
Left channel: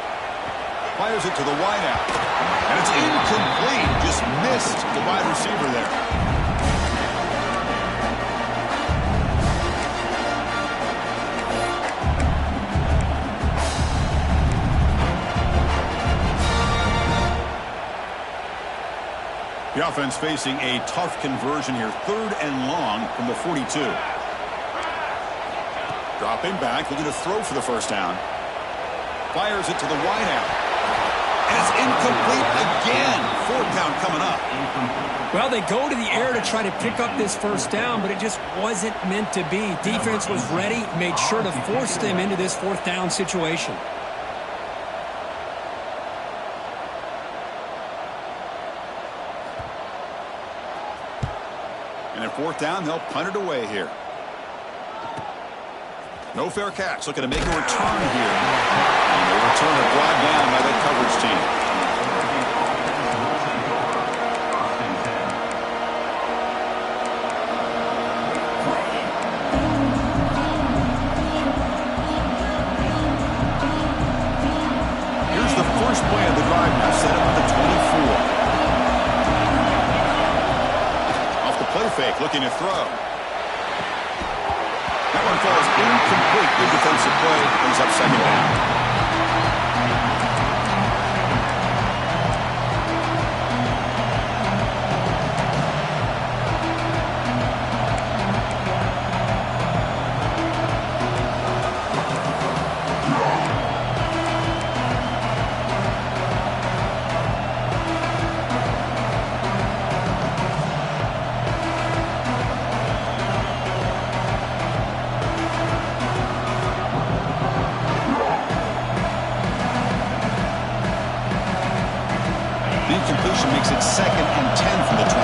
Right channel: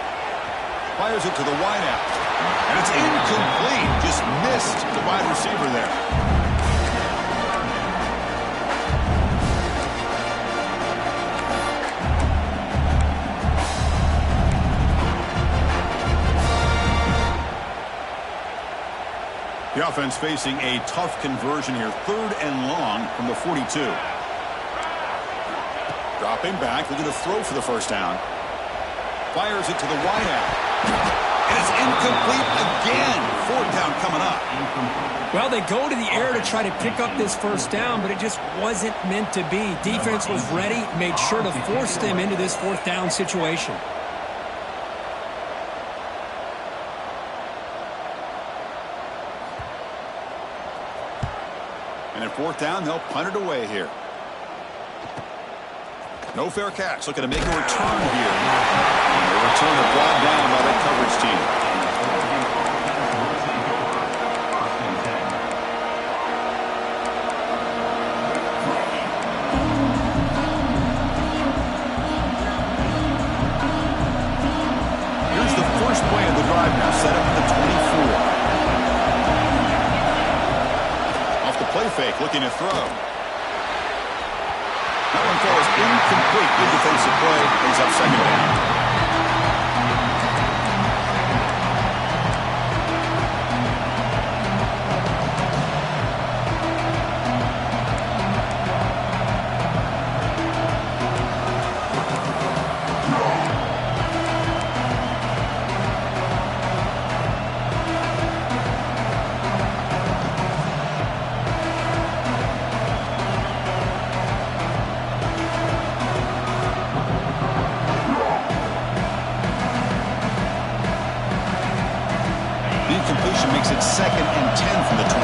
Fires it to the wideout. And it's incomplete. Just missed the wide receiver there. The offense facing a tough conversion here. 3rd and long from the 42. Dropping back, looking to throw for the 1st down. Fires it to the wideout. And it's incomplete again. 4th down coming up. Well, they go to the air to try to pick up this 1st down, but it just wasn't meant to be. Defense was ready, made sure to force them into this 4th down situation. And at 4th down, they'll punt it away here. No fair catch. Looking to make a return here. And the return is brought down by that coverage team. Here's the first play of the drive now. Set up at the 24. Off the play fake. Looking to throw. That one falls incomplete. Good defensive play. Brings up 2nd down.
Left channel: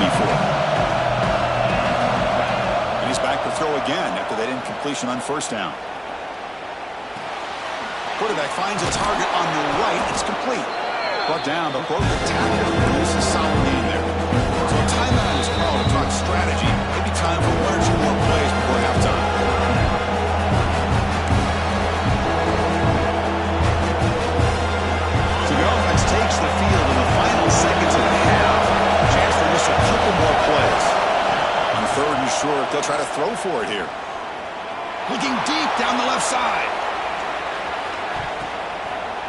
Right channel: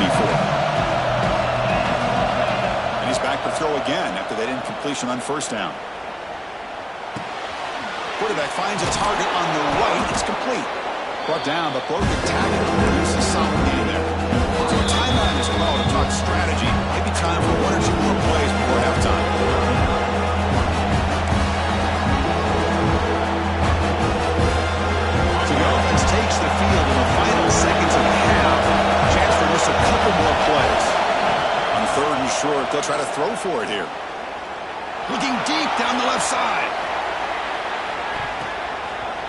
rookie for. And he's back to throw again after that incompletion on first down. Quarterback finds a target on the right. It's complete. Brought down, but broke the tackle to produce a solid gain there. So a timeout is called to talk strategy. Maybe time for one or two more plays before halftime. So the offense takes the field in the final seconds of the half. Chance for just a couple more plays. On third and short, they'll try to throw for it here. Looking deep down the left side.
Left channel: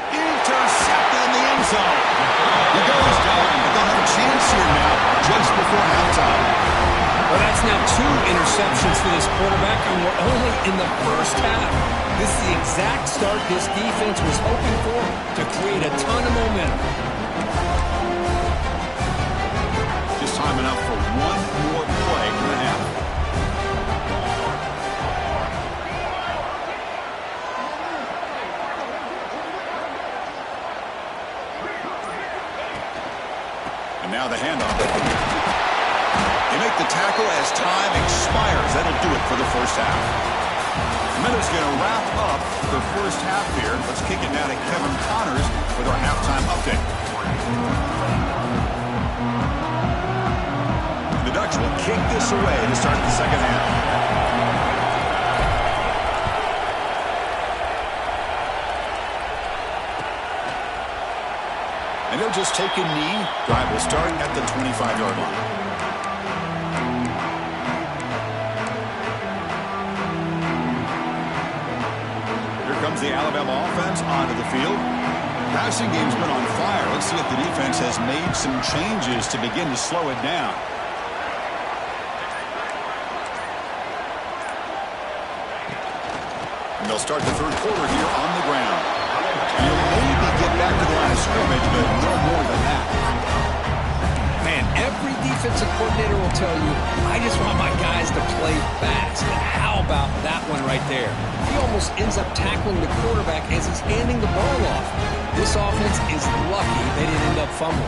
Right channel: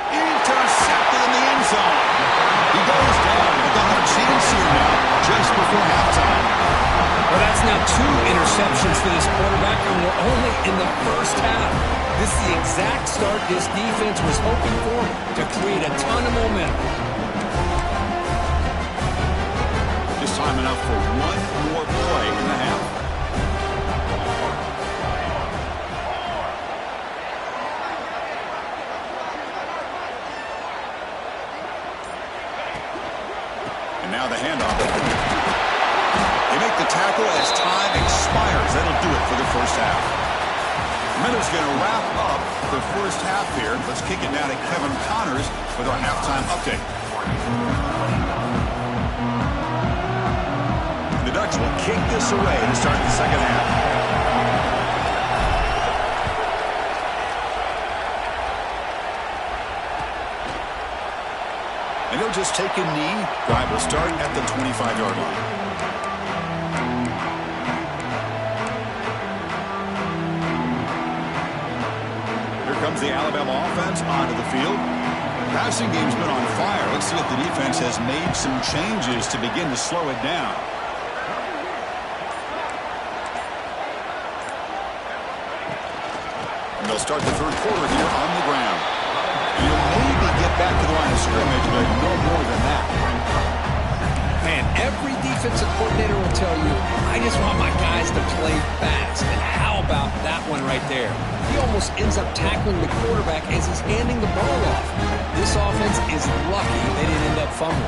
Intercepted in the end zone. He goes down, but they'll have a chance here now just before halftime. Well, that's now 2 interceptions for this quarterback, and we're only in the first half. This is the exact start this defense was hoping for to create a ton of momentum. Just time enough for one more play in the half. And now the handoff. They make the tackle as time expires. That'll do it for the first half. Miller's going to wrap up the first half here. Let's kick it now to Kevin Connors with our halftime update. The Ducks will kick this away to start the second half. And they'll just take a knee. Drive will start at the 25-yard line. Here comes the Alabama offense onto the field. Passing game's been on fire. Let's see if the defense has made some changes to begin to slow it down. And they'll start the third quarter here on the ground. You'll maybe get back to the line of scrimmage, but no more than that. Man, every defensive coordinator will tell you, I just want my guys to play fast. And how about that one right there? He almost ends up tackling the quarterback as he's handing the ball off. This offense is lucky they didn't end up fumbling.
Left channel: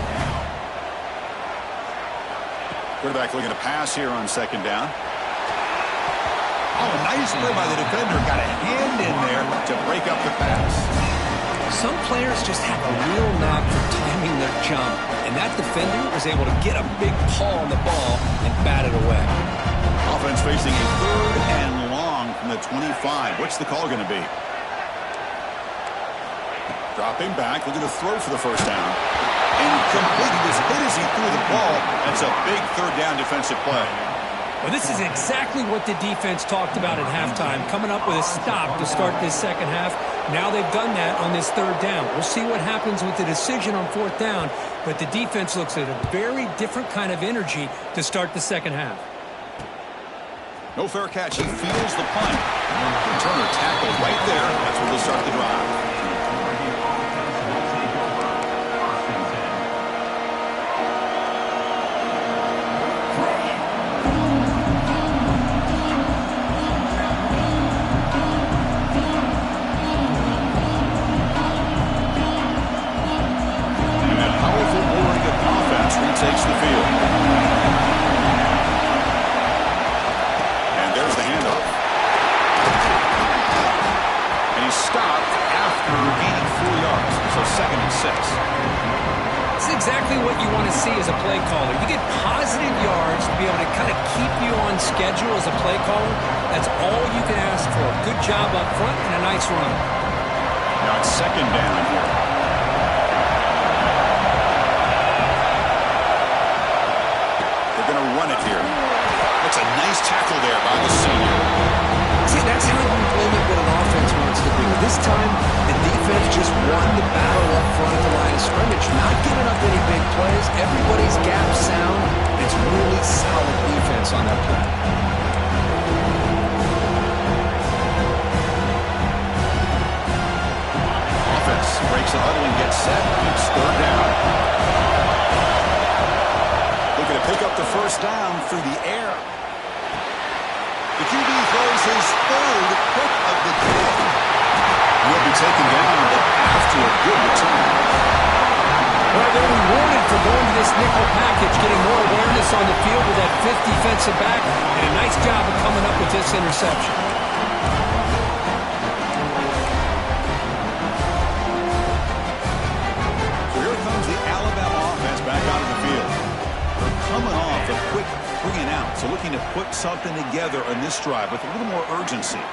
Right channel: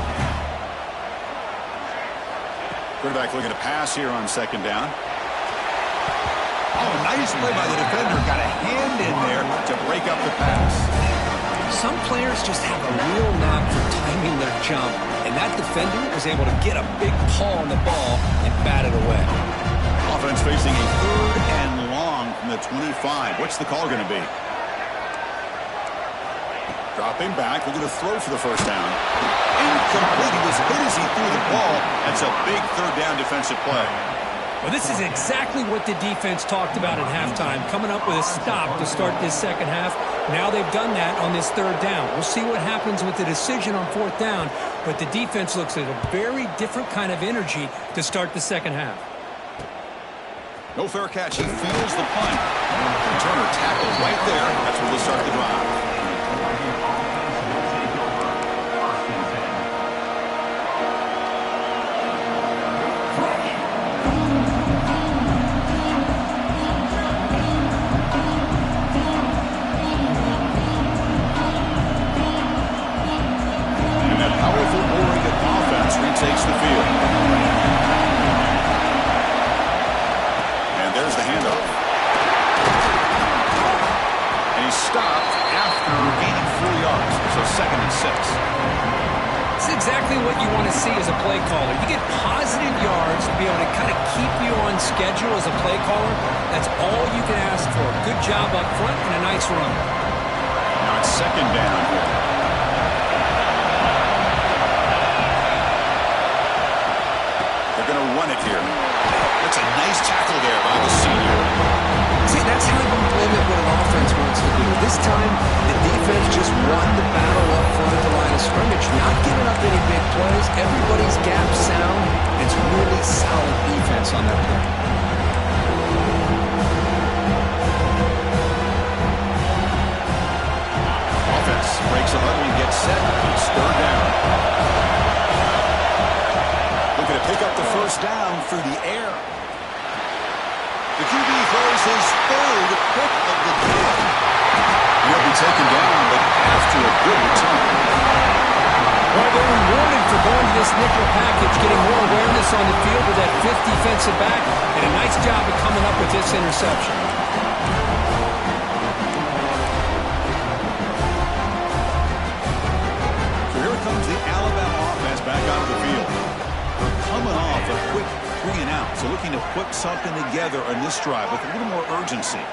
Quarterback looking to pass here on second down. Oh, a nice play by the defender. Got a hand in there to break up the pass. Some players just have a real knack for timing their jump, and that defender was able to get a big paw on the ball and bat it away. Offense facing a third and long from the 25. What's the call going to be? Dropping back, looking to throw for the first down. Incomplete. He was hit as he threw the ball. That's a big third down defensive play. Well, this is exactly what the defense talked about at halftime, coming up with a stop to start this second half. Now they've done that on this third down. We'll see what happens with the decision on fourth down, but the defense looks at a very different kind of energy to start the second half. No fair catch. He feels the punt. Turner tackled right there. That's where they'll start the drive. Takes the field. And there's the handoff. And he's stopped after gaining 4 yards. So 2nd and 6. It's exactly what you want to see as a play caller. You get positive yards to be able to kind of keep you on schedule as a play caller. That's all you can ask for. Good job up front and a nice run. Now it's second down here. Going to run it here. That's a nice tackle there by the senior. See, that's how you limit what an offense wants to do. This time, the defense just won the battle up front at the line of scrimmage, not giving up any big plays. Everybody's gap sound. It's really solid defense on that play. Offense breaks a huddle and gets set. It's third down. Looking to pick up the first down through the air. The QB throws his third pick of the day. He'll be taken down, but after a good return. Well, they're rewarded for going to this nickel package, getting more awareness on the field with that fifth defensive back, and a nice job of coming up with this interception. So here comes the Alabama offense back out of the field. They're coming off a quick 3-and-out, so looking to put something together on this drive with a little more urgency.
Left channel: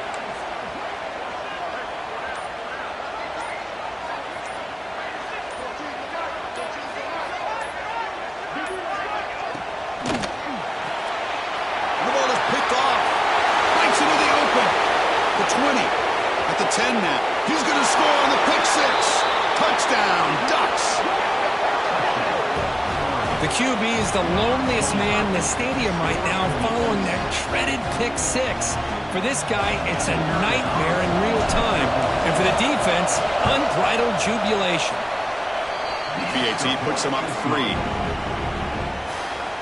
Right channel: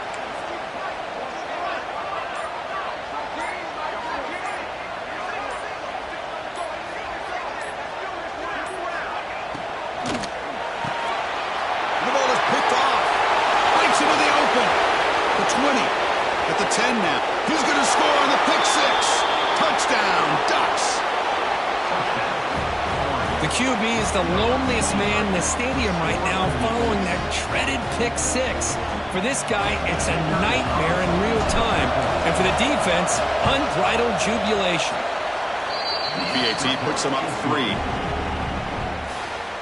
Into the open. The 20. At the 10 now. He's going to score on the pick six. Touchdown, Ducks. The QB is the loneliest man in the stadium right now following that dreaded pick six. For this guy, it's a nightmare in real time. And for the defense, unbridled jubilation. PAT puts him up 3.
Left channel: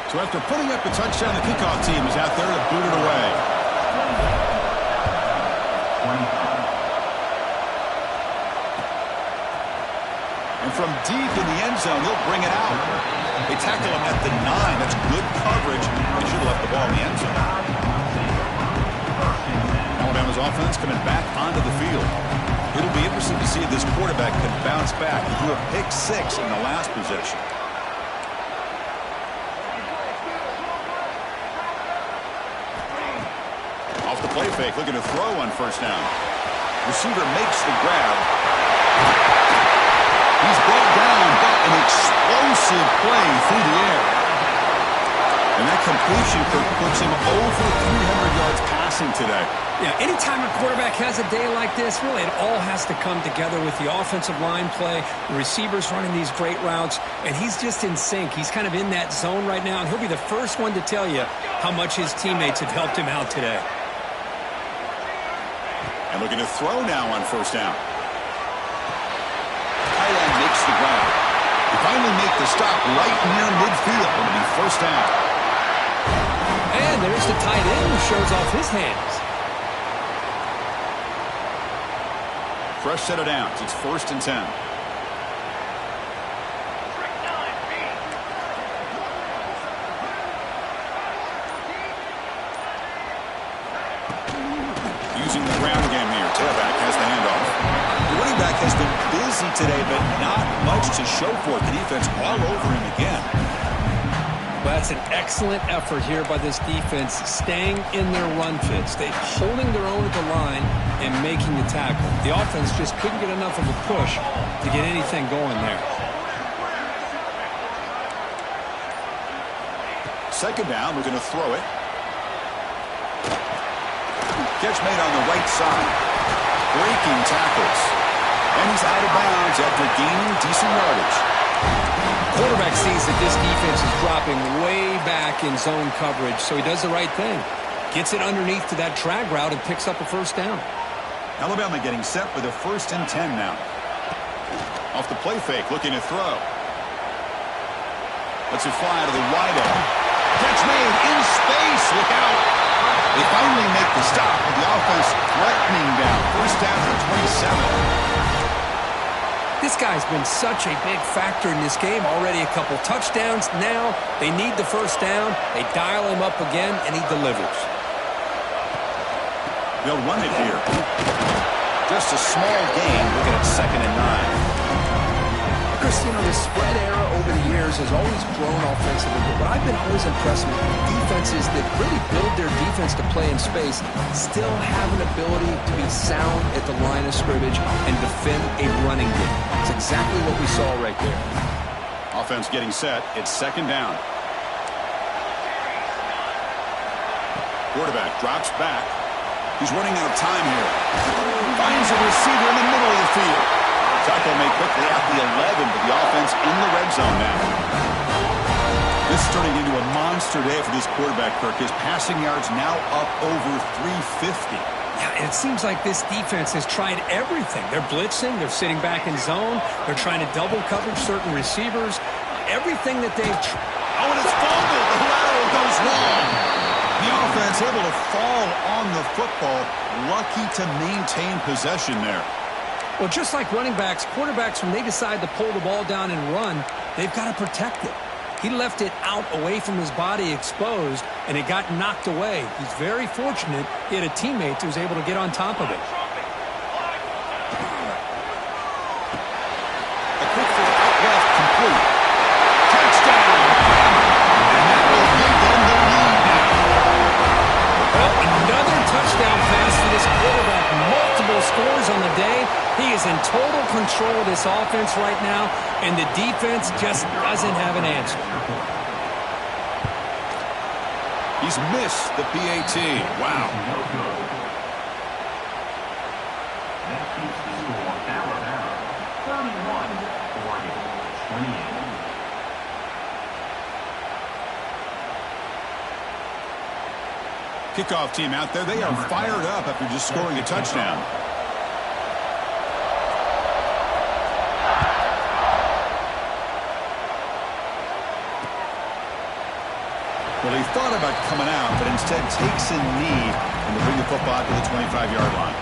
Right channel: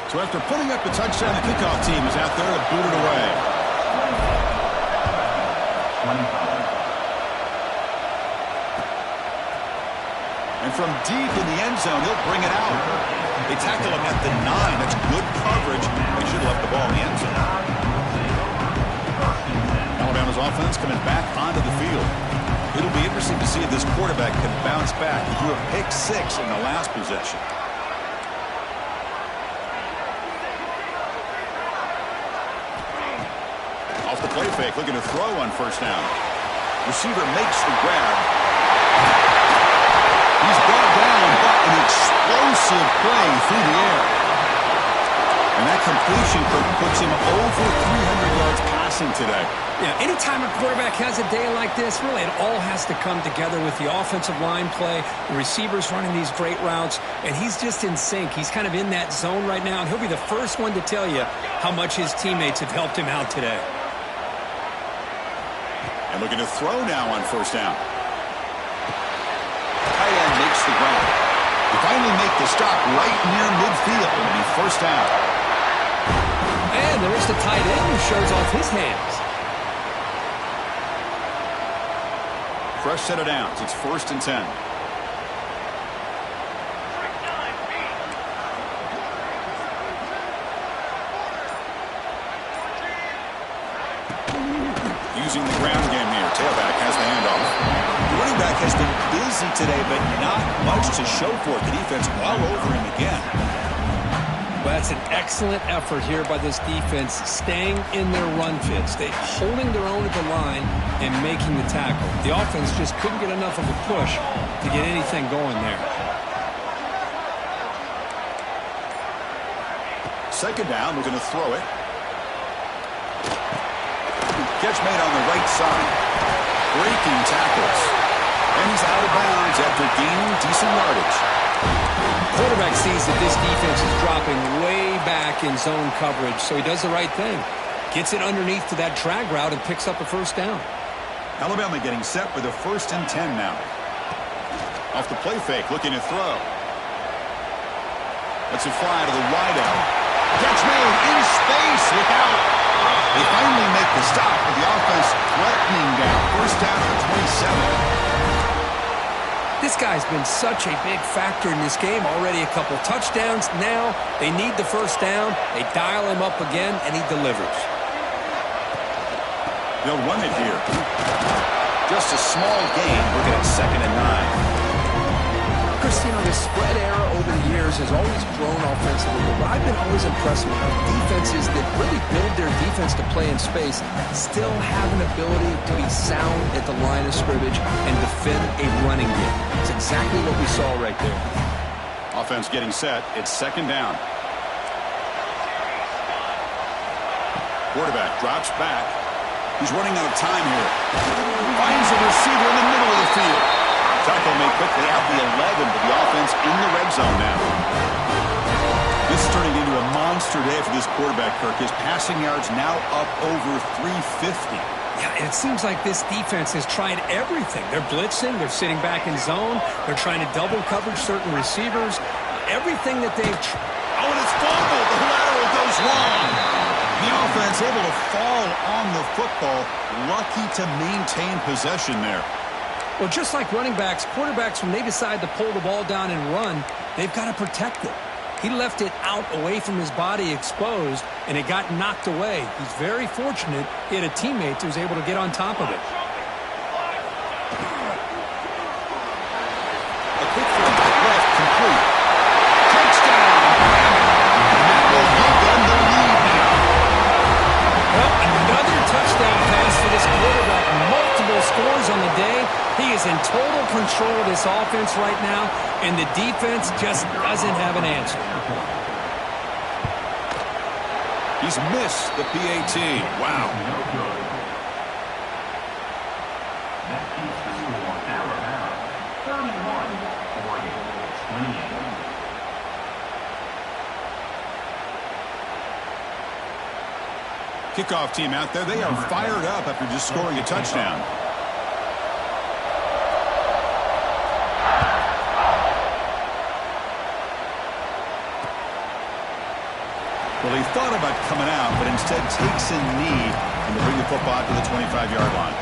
So after putting up the touchdown, the kickoff team is out there to boot it away. And from deep in the end zone, he'll bring it out. They tackle him at the 9. That's good coverage. They should have left the ball in the end zone. Alabama's offense coming back onto the field. It'll be interesting to see if this quarterback can bounce back. He threw a pick six in the last possession. Off the play fake, looking to throw on first down. Receiver makes the grab. He's brought down, but an explosive play through the air. And that completion puts him over 300 yards passing today. Yeah, anytime a quarterback has a day like this, really it all has to come together with the offensive line play, the receivers running these great routes, and he's just in sync. He's kind of in that zone right now, and he'll be the first one to tell you how much his teammates have helped him out today. And looking to throw now on first down. Tight end makes the grab. They finally make the stop right near midfield. It'll be first down. And there's the tight end who shows off his hands. Fresh set of downs. It's 1st and 10. Using the ground game here. Tailback has the handoff. The running back has been busy today, but not much to show for it. The defense all over him again. Well, that's an excellent effort here by this defense, staying in their run fits. They holding their own at the line and making the tackle. The offense just couldn't get enough of a push to get anything going there. Second down, we're going to throw it. Catch made on the right side. Breaking tackles. And he's out of bounds after gaining decent yardage. Quarterback sees that this defense is dropping way back in zone coverage, so he does the right thing. Gets it underneath to that drag route and picks up a first down. Alabama getting set with a 1st and 10 now. Off the play fake, looking to throw. Lets it fly to the wide out. Catch made in space. Look out. They finally make the stop with the offense threatening down. First down at the 27. This guy's been such a big factor in this game. Already a couple touchdowns. Now they need the first down. They dial him up again, and he delivers. They'll run it here. Just a small gain. Looking at 2nd and 9. Chris, the spread era over the years has always grown offensively, but what I've been always impressed with defenses that really build their defense to play in space still have an ability to be sound at the line of scrimmage and defend a running game. It's exactly what we saw right there. Offense getting set. It's 2nd down. Quarterback drops back. He's running out of time here. Finds a receiver in the middle of the field. Tackle made quickly at the 11, but the offense in the red zone now. This is turning into a monster day for this quarterback, Kirk. His passing yards now up over 350. Yeah, and it seems like this defense has tried everything. They're blitzing. They're sitting back in zone. They're trying to double coverage certain receivers. Everything that they've tried. Oh, and it's fumbled. The lateral goes long. The offense able to fall on the football. Lucky to maintain possession there. Well, just like running backs, quarterbacks, when they decide to pull the ball down and run, they've got to protect it. He left it out away from his body exposed, and it got knocked away. He's very fortunate he had a teammate who was able to get on top of it. A quick throw out left, complete. Touchdown, Bama. And that will give them the lead now. Well, another touchdown pass for this quarterback. Multiple scores on the day. He is in total control of this offense right now, and the defense just doesn't have an answer. He's missed the PAT. Wow. No good. That keeps the score Alabama 31, Oregon 28. Kickoff team out there. They are fired up after just scoring a touchdown. Well, he thought about coming out, but instead takes a knee and to bring the football to the 25-yard line.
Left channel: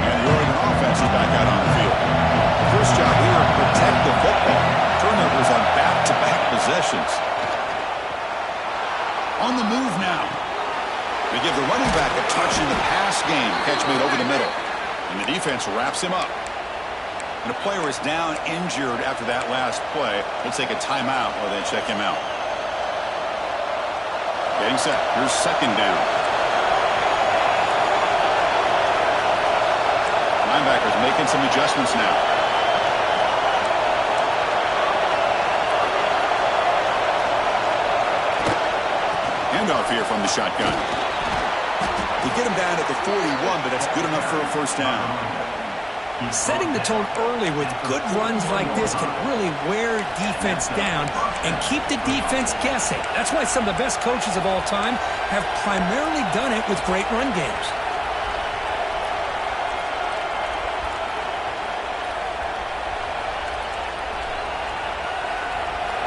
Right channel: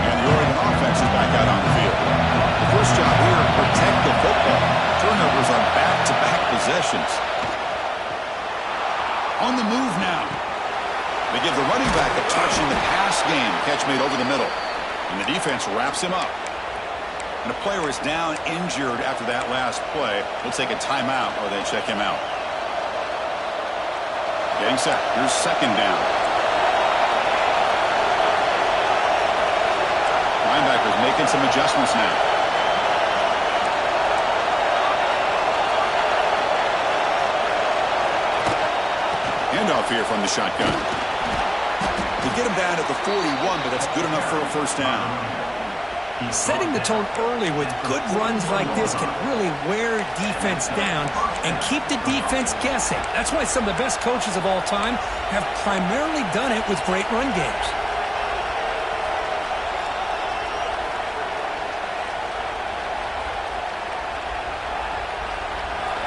And the Oregon offense is back out on the field. The first job here, protect the football. Turnovers on back-to-back possessions. On the move now. They give the running back a touch in the pass game. Catch made over the middle. And the defense wraps him up. And a player is down injured after that last play. We'll take a timeout or they check him out. Getting set. Here's second down. Linebackers making some adjustments now. Handoff here from the shotgun. They get him down at the 41, but that's good enough for a first down. Setting the tone early with good runs like this can really wear defense down and keep the defense guessing. That's why some of the best coaches of all time have primarily done it with great run games.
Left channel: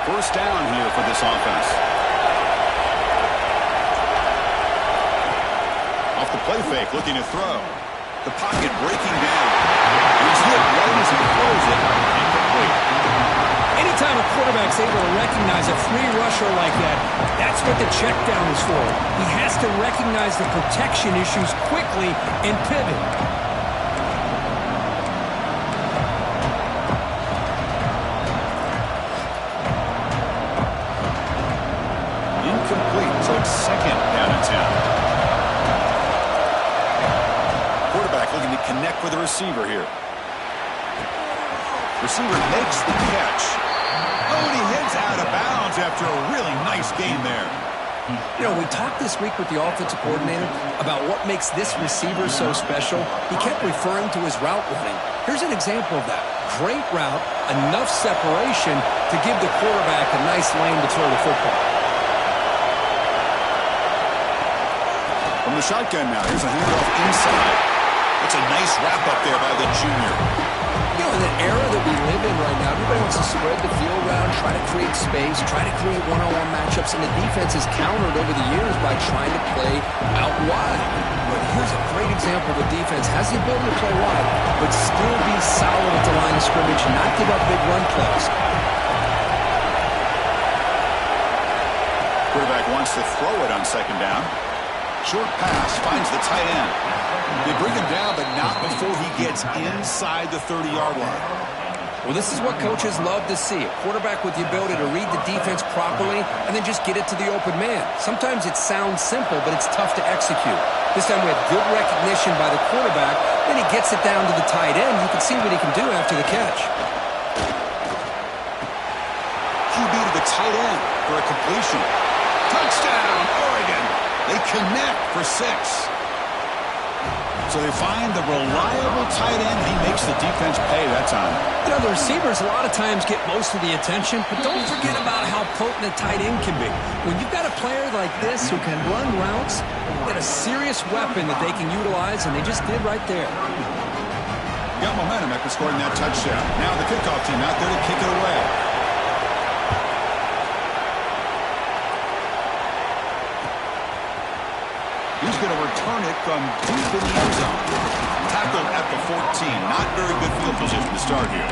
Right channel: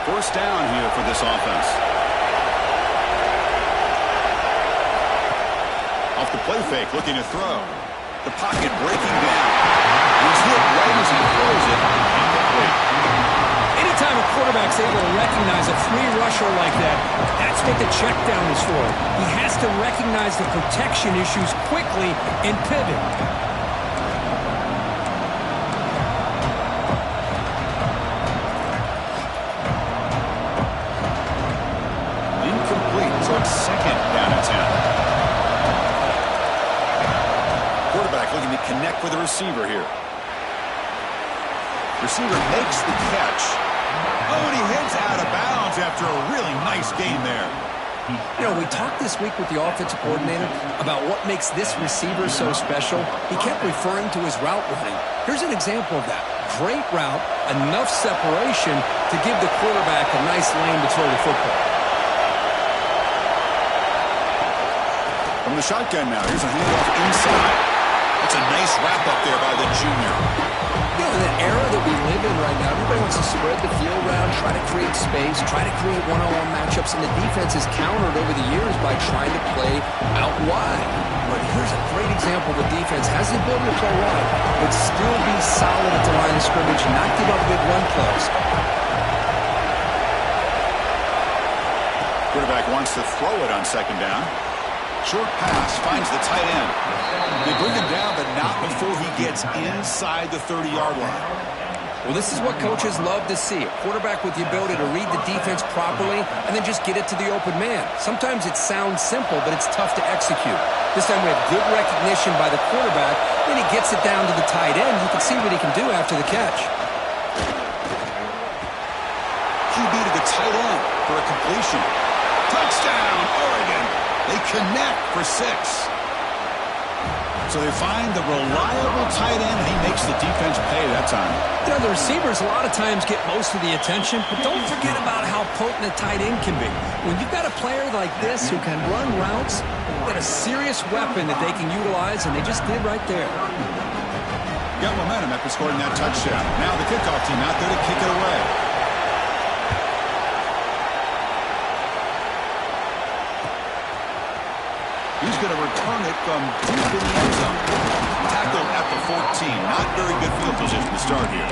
First down here for this offense. Off the play fake, looking to throw. The pocket breaking down. He's hit right as he throws it. Incomplete. Anytime a quarterback's able to recognize a free rusher like that, that's what the check down is for. He has to recognize the protection issues quickly and pivot. Incomplete, so it's second down and 10. Quarterback looking to connect with the receiver here. Receiver makes the catch. Oh, and he heads out of bounds after a really nice game there. You know, we talked this week with the offensive coordinator about what makes this receiver so special. He kept referring to his route running. Here's an example of that. Great route, enough separation to give the quarterback a nice lane to throw the football. From the shotgun now, here's a handoff inside. That's a nice wrap up there by the junior. You know, in the era that we live in right now, everybody wants to spread the field around, try to create space, try to create one-on-one matchups, and the defense has countered over the years by trying to play out wide. But here's a great example of a defense has the ability to play wide, but still be solid at the line of scrimmage, not give up big run plays. Quarterback wants to throw it on second down. Short pass finds the tight end. They bring him down, but not before he gets inside the 30-yard line. Well, this is what coaches love to see. A quarterback with the ability to read the defense properly and then just get it to the open man. Sometimes it sounds simple, but it's tough to execute. This time we have good recognition by the quarterback. Then he gets it down to the tight end. You can see what he can do after the catch. QB to the tight end for a completion. Touchdown, Oregon. They connect for 6. So they find the reliable tight end, and he makes the defense pay that time. You know, the receivers a lot of times get most of the attention, but don't forget about how potent a tight end can be. When you've got a player like this who can run routes, you got a serious weapon that they can utilize, and they just did right there. Got momentum after scoring that touchdown. Now the kickoff team out there to kick it away. He's going to return it from deep in the end zone. Tackled at the 14. Not very good field position to start here.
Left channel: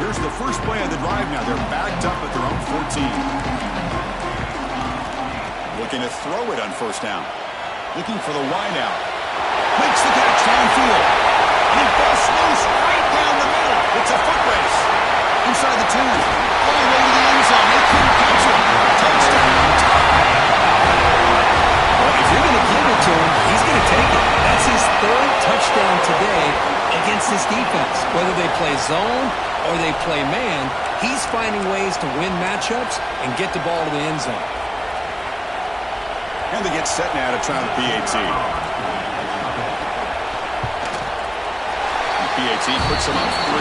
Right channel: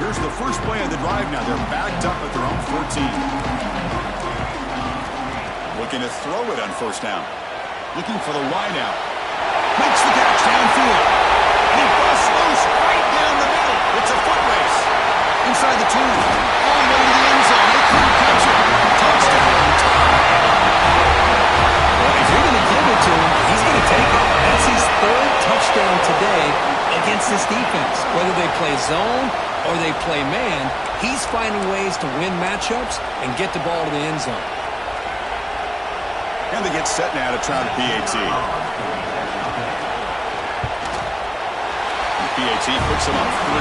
Here's the first play of the drive now. They're backed up at their own 14. Looking to throw it on first down. Looking for the wide out. Makes the catch downfield. And he busts loose right down the middle. It's a foot race. Inside the 10. All the way to the end zone. They couldn't catch him. Touchdown. Tie. Well, if you're going to give it to him, he's going to take it. That's his third touchdown today against this defense. Whether they play zone or they play man, he's finding ways to win matchups and get the ball to the end zone. And they get set now to try the PAT. The PAT puts them up 3.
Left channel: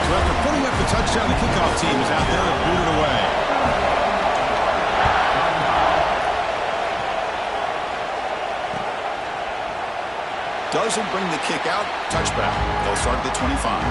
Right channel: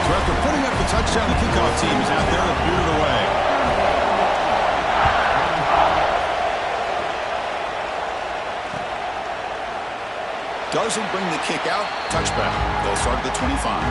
So after putting up the touchdown, the kickoff team is out there to boot it away. Doesn't bring the kick out. Touchback. They'll start at the 25.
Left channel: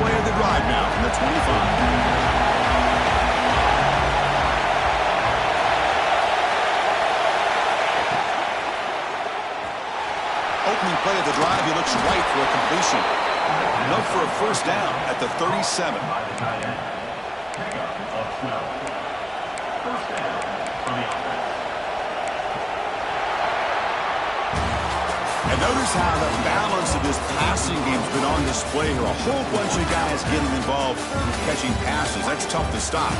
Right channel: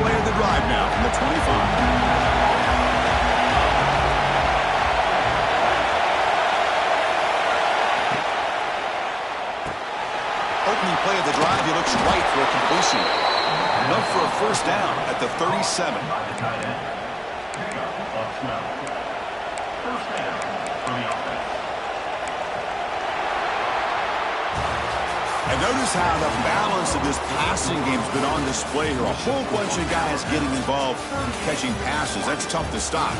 Play of the drive now from the 25. Opening play of the drive, he looks right for a completion. Enough for a first down at the 37. Pickup of 12. First down for the offense. And notice how the balance of this passing game has been on display here. A whole bunch of guys getting involved in catching passes. That's tough to stop.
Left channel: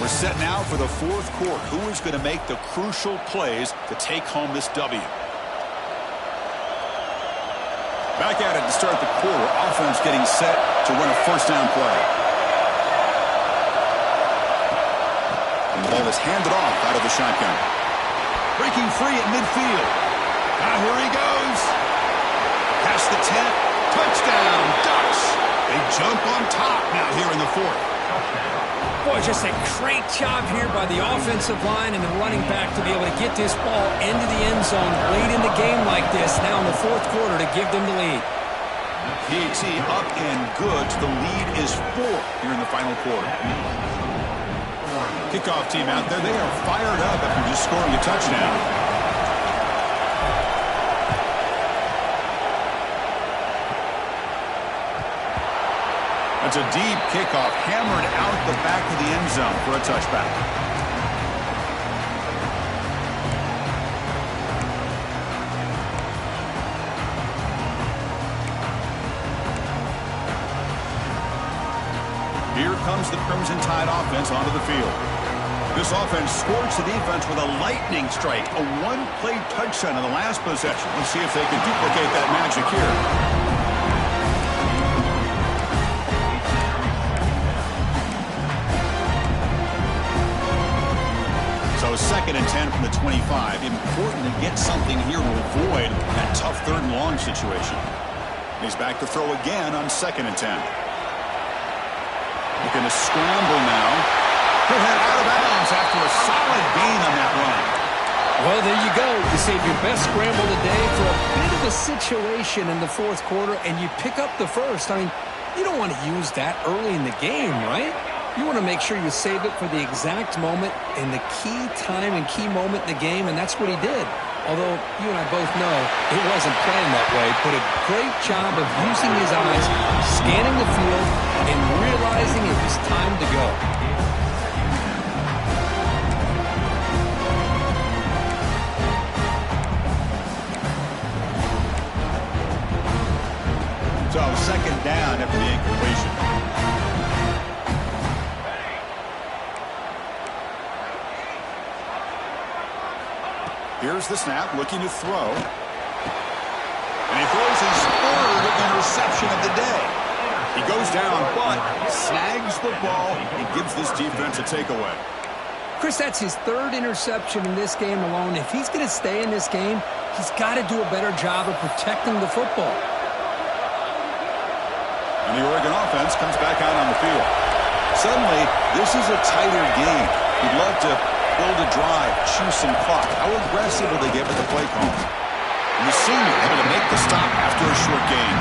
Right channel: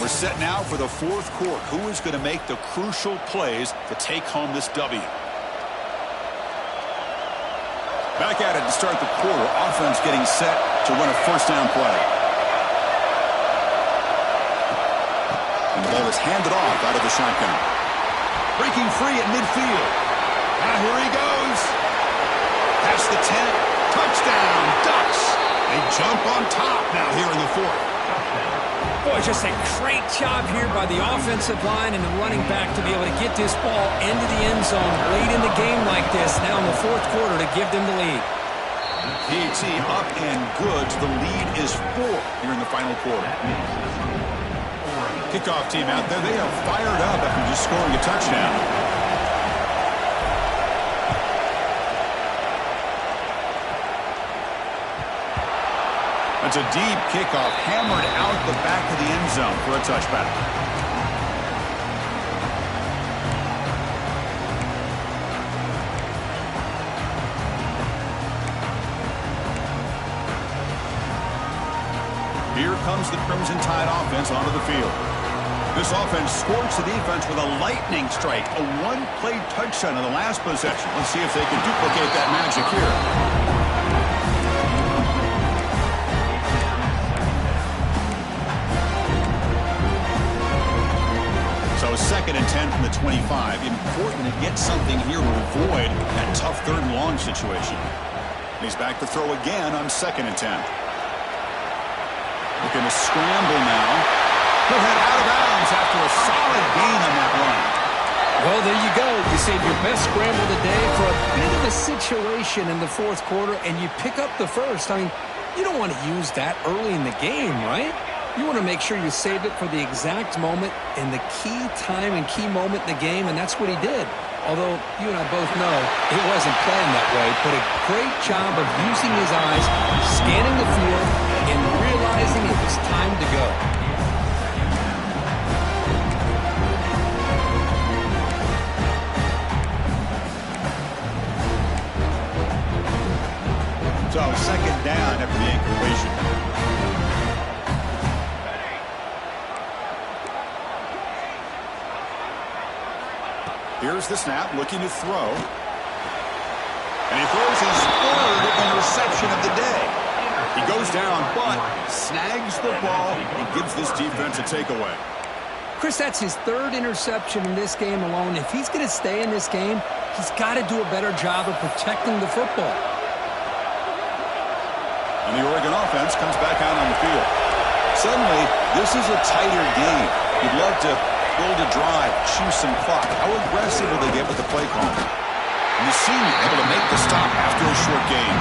We're set now for the fourth quarter. Who is going to make the crucial plays to take home this W? Back at it to start the quarter. Offense getting set to run a first down play. And the ball is handed off out of the shotgun. Breaking free at midfield. Now here he goes. Past the 10. Touchdown, Ducks. They jump on top now here in the fourth. Boy, just a great job here by the offensive line and the running back to be able to get this ball into the end zone late in the game like this, now in the fourth quarter, to give them the lead. PAT up and good. The lead is 4 here in the final quarter. Kickoff team out there. They are fired up after just scoring a touchdown. That's a deep kickoff, hammered out the back of the end zone for a touchback. Here comes the Crimson Tide offense onto the field. This offense scorched the defense with a lightning strike, a one-play touchdown in the last possession. Let's see if they can duplicate that magic here. So 2nd and 10 from the 25. Important to get something here to avoid that tough 3rd and long situation. He's back to throw again on 2nd and 10. Looking to scramble now. He'll head out of bounds after a solid gain on that run. Well, there you go. You save your best scramble of the day for a bit of a situation in the fourth quarter, and you pick up the first. I mean, you don't want to use that early in the game, right? You want to make sure you save it for the exact moment and the key time and key moment in the game, and that's what he did. Although you and I both know it wasn't planned that way, but a great job of using his eyes, scanning the field, and realizing it was time to go. So, second down after the incompletion. Here's the snap, looking to throw. And he throws his third interception of the day. He goes down, but snags the ball and gives this defense a takeaway. Chris, that's his third interception in this game alone. If he's going to stay in this game, he's got to do a better job of protecting the football. And the Oregon offense comes back out on the field. Suddenly, this is a tighter game. You'd love to build a drive, choose some clock. How aggressive will they get with the play call? And the senior able to make the stop after a short game.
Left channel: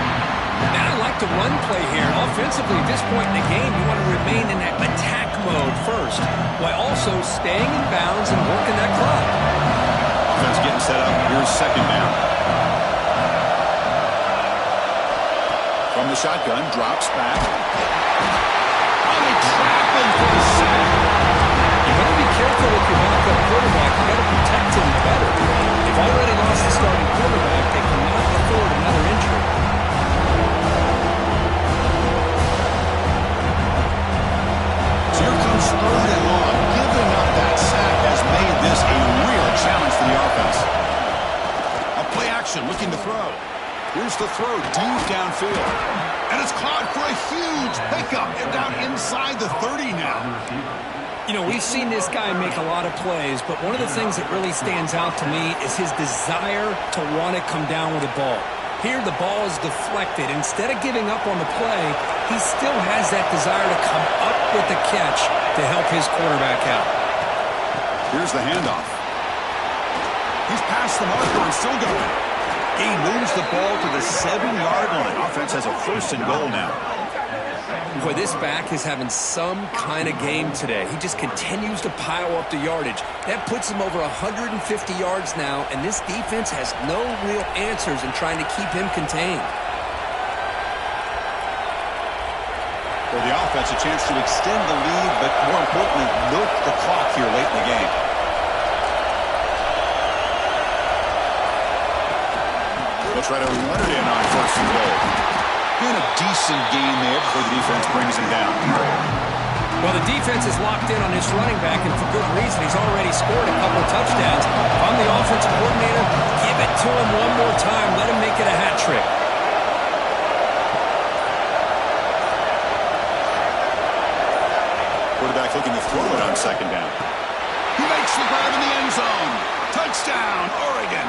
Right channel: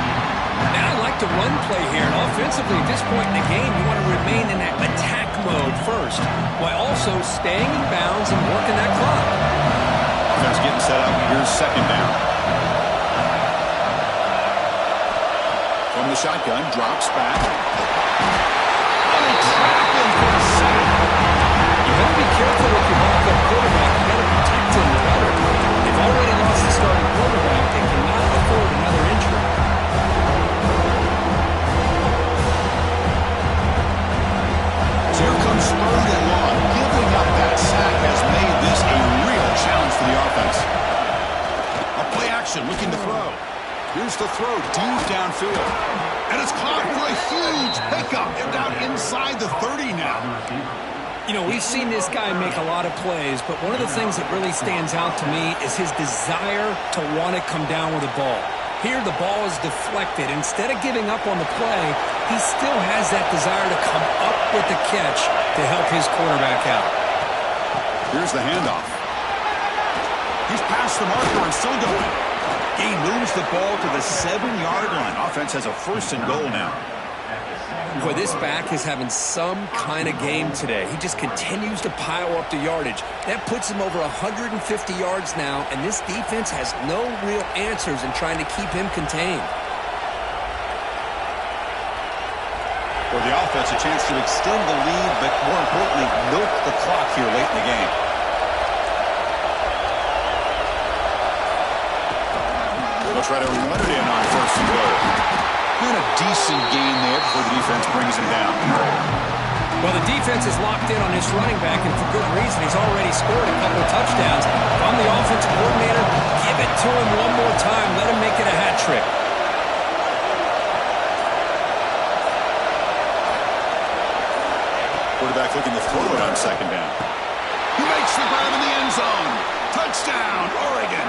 Now I like the run play here. And offensively, at this point in the game, you want to remain in that attack mode first, while also staying in bounds and working that clock. Offense getting set up. Here's second down. From the shotgun, drops back. Oh, they trap him for a sack. You better be careful with your backup quarterback. You got to protect him better. They've already lost the starting quarterback. They cannot afford another injury. So here comes third and long. Giving up that sack has made this a real challenge for the offense. A play action, looking to throw. Here's the throw, deep downfield. And it's caught for a huge pickup. They're down inside the 30 now. You know, we've seen this guy make a lot of plays, but one of the things that really stands out to me is his desire to want to come down with the ball. Here, the ball is deflected. Instead of giving up on the play, he still has that desire to come up with the catch to help his quarterback out. Here's the handoff. He's past the marker and still going. He moves the ball to the 7-yard line. Offense has a first and goal now. Boy, this back is having some kind of game today. He just continues to pile up the yardage. That puts him over 150 yards now, and this defense has no real answers in trying to keep him contained. For the offense, a chance to extend the lead, but more importantly, milk the clock here late in the game. They'll try to run it in on first and goal. And a decent gain there before the defense brings him down. Well, the defense is locked in on this running back, and for good reason. He's already scored a couple of touchdowns. If I'm the offensive coordinator, give it to him one more time. Let him make it a hat trick. Quarterback looking to throw it on second down. He makes the grab in the end zone. Touchdown, Oregon.